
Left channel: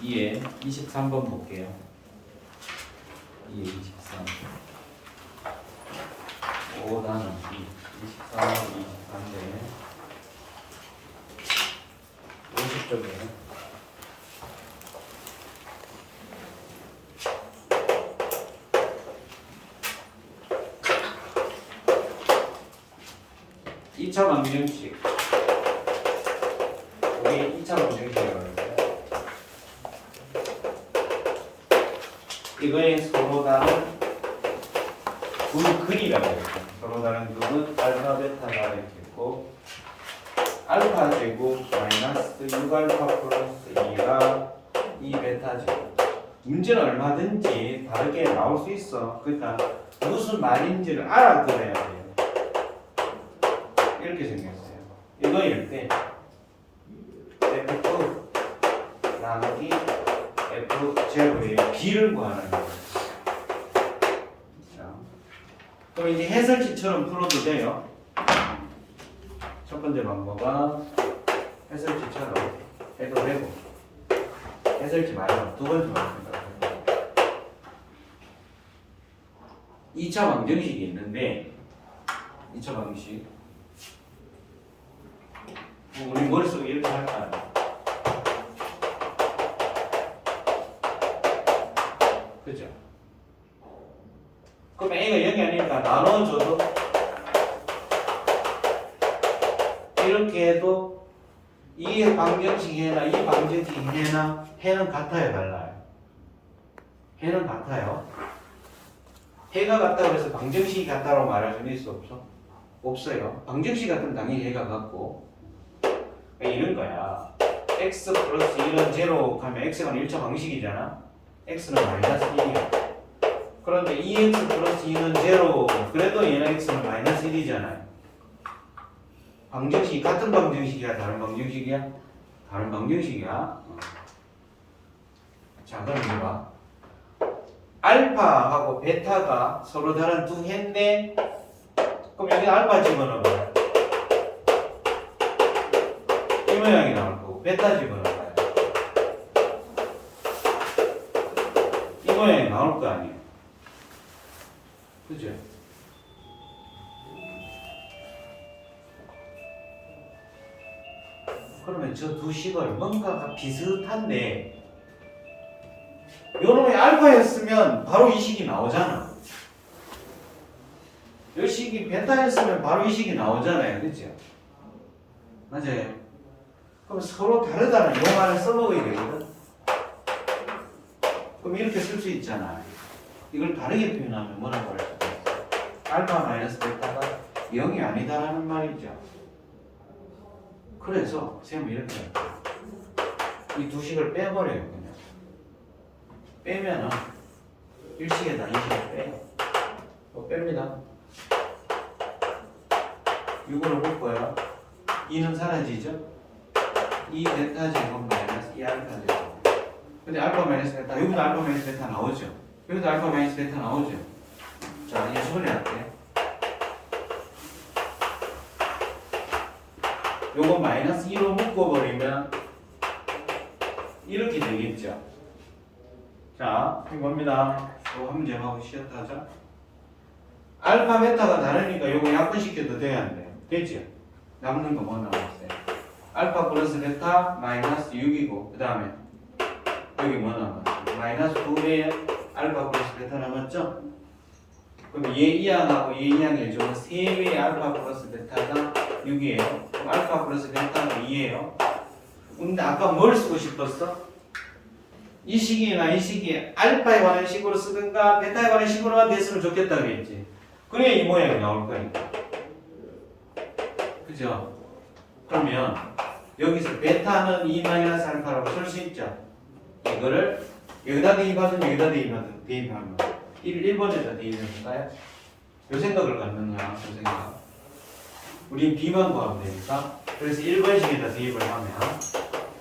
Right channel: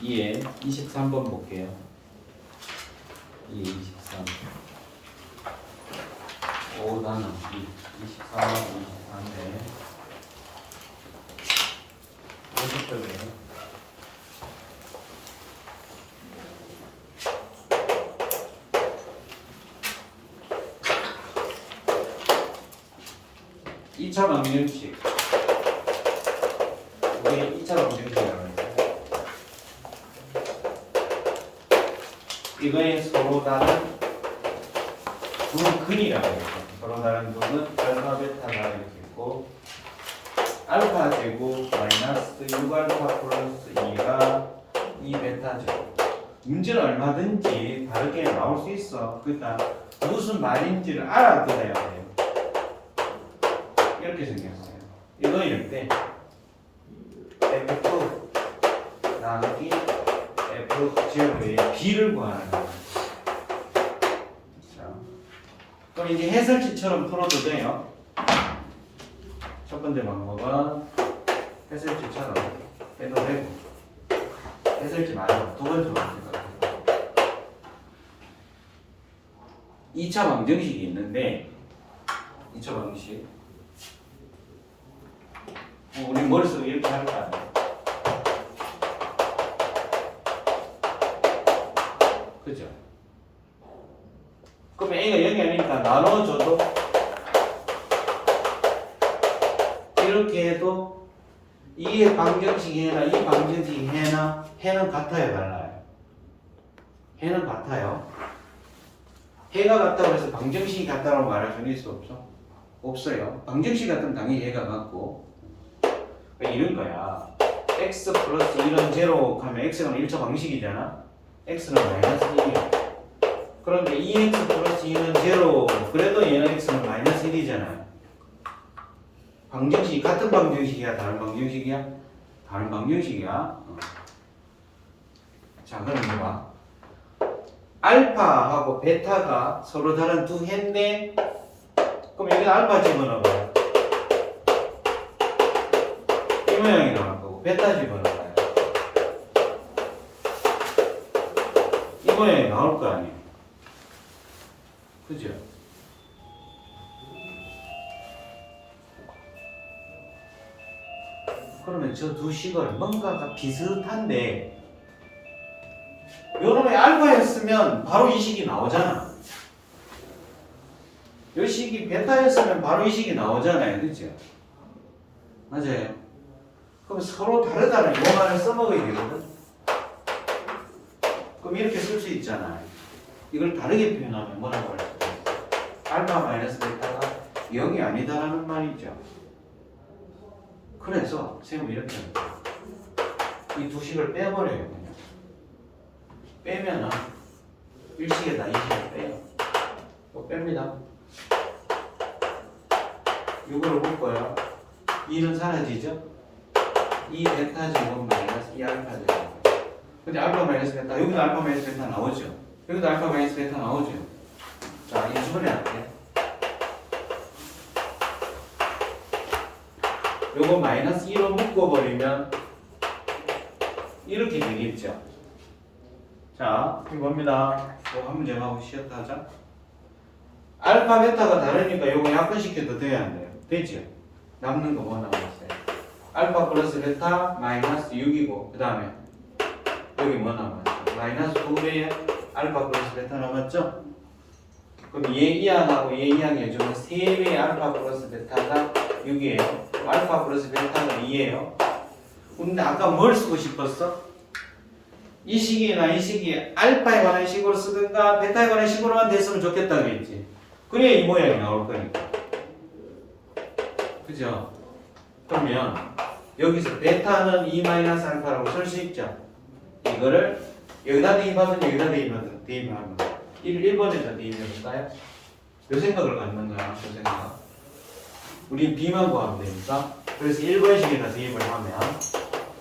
B에 23번 볼게요. B에 23. 5 나누기 23, 24인데 50점이에요. 이 차 방정식 여기 2차 방정식이라고 하는데 이거의 서로 다른 두 근이라고 했죠. 서로 다른 근은 알파, 베타 나를 있고 알파 제곱 마이너스 6알파 플러스 2가 2베타 제곱. 문제는 얼마든지 다르게 나올 수 있어. 그러니까 무슨 말인지를 알아들어야 돼요. 이렇게 생겼어요. 이거일 때 F 나누기 F 제곱의 B를 구하는 거예요. 자, 그럼 이제 해설지처럼 풀어도 돼요. 첫 번째 방법은 해설지처럼 해도 되고 해설지 말고 두 번째 방법은 2차 방정식이 있는데 2차 방정식 우리 머릿속에 이렇게 할까? 그죠? 그럼 A가 0이 아니니까 나눠줘도 이렇게 해도 이 방정식 해나 이 방정식 해나 해는 같아요, 달라요? 해는 같아요. 해가 같다고 해서 방정식이 같다고 말할 수는 있어 없어? 없어요. 방정식 같으면 당연히 해가 같고 이런 거야. x 플러스 1은 제로 하면 x는 1차 방식이잖아. x는 마이너스 1이야. 그런데 2x 플러스 2는 0. 그래도 얘는 x는 마이너스 1이잖아요. 방정식이 같은 방정식이야? 다른 방정식이야? 다른 방정식이야. 자, 그럼 이거 봐. 알파하고 베타가 서로 다른 두 해인데, 그럼 여기 알파 집어넣어봐요. 이 모양이 나올 거고, 베타 집어넣어봐요. 이 모양이 나올 거 아니에요. 그죠? 그러면 저 두 식은 뭔가가 비슷한데, 요놈의 알파였으면 바로 이 식이 나오잖아. 요 식이 베타였으면 바로 이 식이 나오잖아요. 그죠? 맞아요. 그럼 서로 다르다는 용어를 써먹어야 되거든. 그럼 이렇게 쓸 수 있잖아요. 이걸 다르게 표현하면 뭐라고 할 수 있어요? 알파 마이너스 베타가 0이 아니다라는 말이죠. 그래서 쌤은 이렇게 이 두 식을 빼버려요. 그냥 빼면은 1식에다 2식을 빼요. 또 뺍니다. 이걸 볼 거예요. 2는 사라지죠? 2 베타 제곱 마이너스 2 알파 제곱. 근데 알파 마이너스 베타, 여기도 알파 마이너스 베타 나오죠? 여기도 알파 마이너스 베타 나오죠? 자, 이제 처분해 할게. 요거 마이너스 2로 묶어버리면 이렇게 되겠죠? 자, 이겁니다. 이거 한 문제 하고 쉬었다 하자. 알파 베타가 다르니까 요거 약분시켜도 돼야 안 돼요? 됐죠? 남는 거 뭐 남았어요? 알파 플러스 베타 마이너스 6이고 그 다음에 여기 뭐 남았죠? 마이너스 2배의 알파 플러스 베타 남았죠? 그럼 얘 이항하고 얘 이항 해주면 3배의 알파 플러스 베타가 6이에요. 알파 플러스 베타가 2예요. 근데 아까 뭘 쓰고 싶었어? 이 식이나 이 식이 알파에 관한 식으로 쓰든가 베타에 관한 식으로만 됐으면 좋겠다 그랬지. 그래야 이 모양이 나올 거니까. 그죠? 그러면 여기서 베타는 2-알파라고 쓸 수 있죠. 이거를 여기다 대입하든 여기다 대입하면 1번에다 대입해볼까요? 요 생각을 갖는 거야. 요 생각. 우린 B만 구하면 되니까. 그래서 1번식에다 대입을 하면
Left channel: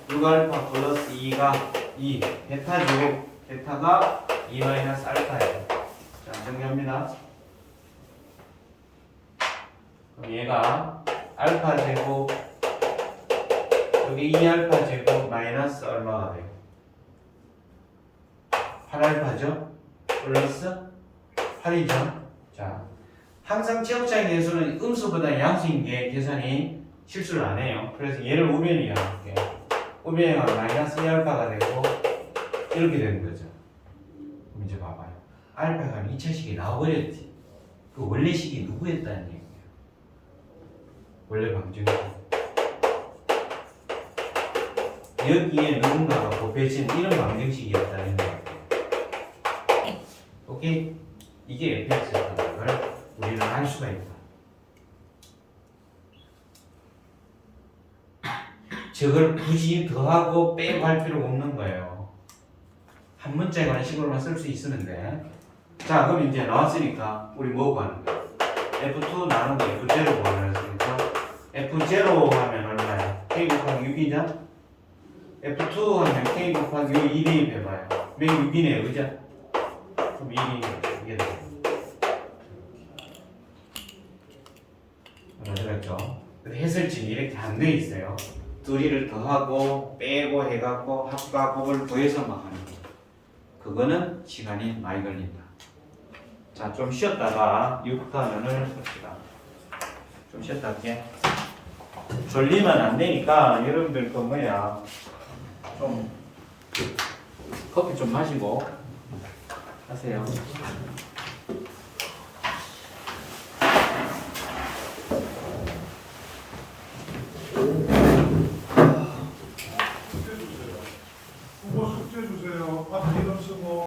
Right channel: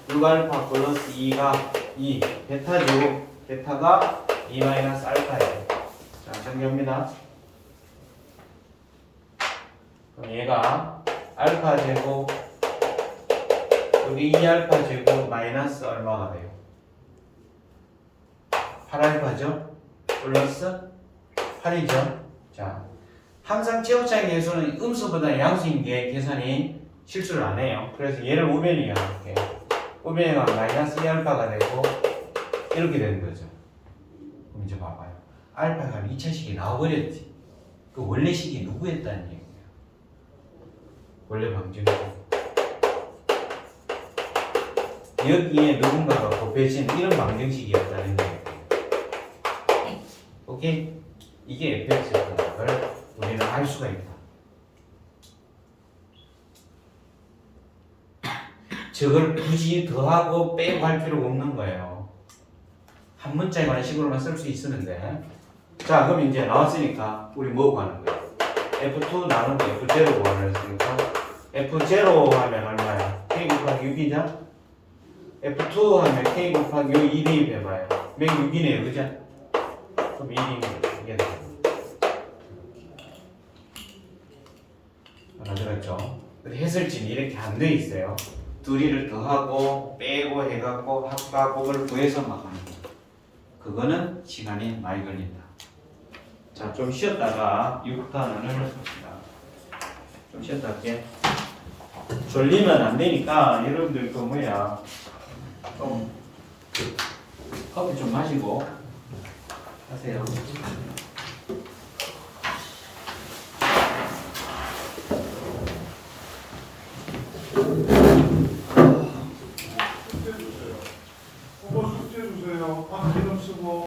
6알파 플러스 2가 2 베타 제곱 베타가 2-알파예요. 자, 정리합니다. 그럼 얘가 알파 제곱 여기 2알파 제곱 마이너스 얼마가 돼요? 8알파죠? 플러스 8이죠? 자, 항상 최고차의 계수는 음수보다 양수인 게 계산이 실수를 안 해요. 그래서 얘를 우변이야 할게요. 우변이가 마이너스 2알파가 되고 이렇게 되는 거죠. 그럼 이제 봐봐요. 알파가 2차식이 나와버렸지. 그 원래 식이 누구였다는 얘기예요? 원래 방정식. 여기에 누군가가 곱해진 이런 방정식이었다는 얘기예요. 오케이? 이게 fx였다는 걸 우리는 알 수가 있다. 저걸 굳이 더하고 빼고 할 필요가 없는 거예요. 한 문자에 관한 식으로만 쓸 수 있으면 돼. 자, 그럼 이제 나왔으니까 우리 뭐 구하는 거야? F2 나누고 F0 구하려 했으니까 F0 하면 얼마야? K 곱하기 6이죠? F2 하면 K 곱하기 2 대입해봐요. 몇 6이네요, 그죠? 그럼 1이네. 이게 돼. 알았죠? 해설지는 이렇게 안 돼 있어요. 둘이를 더하고 빼고 해갖고 합과 곱을 구해서 막 하는 거예요. 그거는 시간이 많이 걸린다. 자, 좀 쉬었다가 6단원을 봅시다. 좀 쉬었다 할게. 졸리면 안 되니까 여러분들 그 뭐야 좀 커피 좀 마시고 하세요.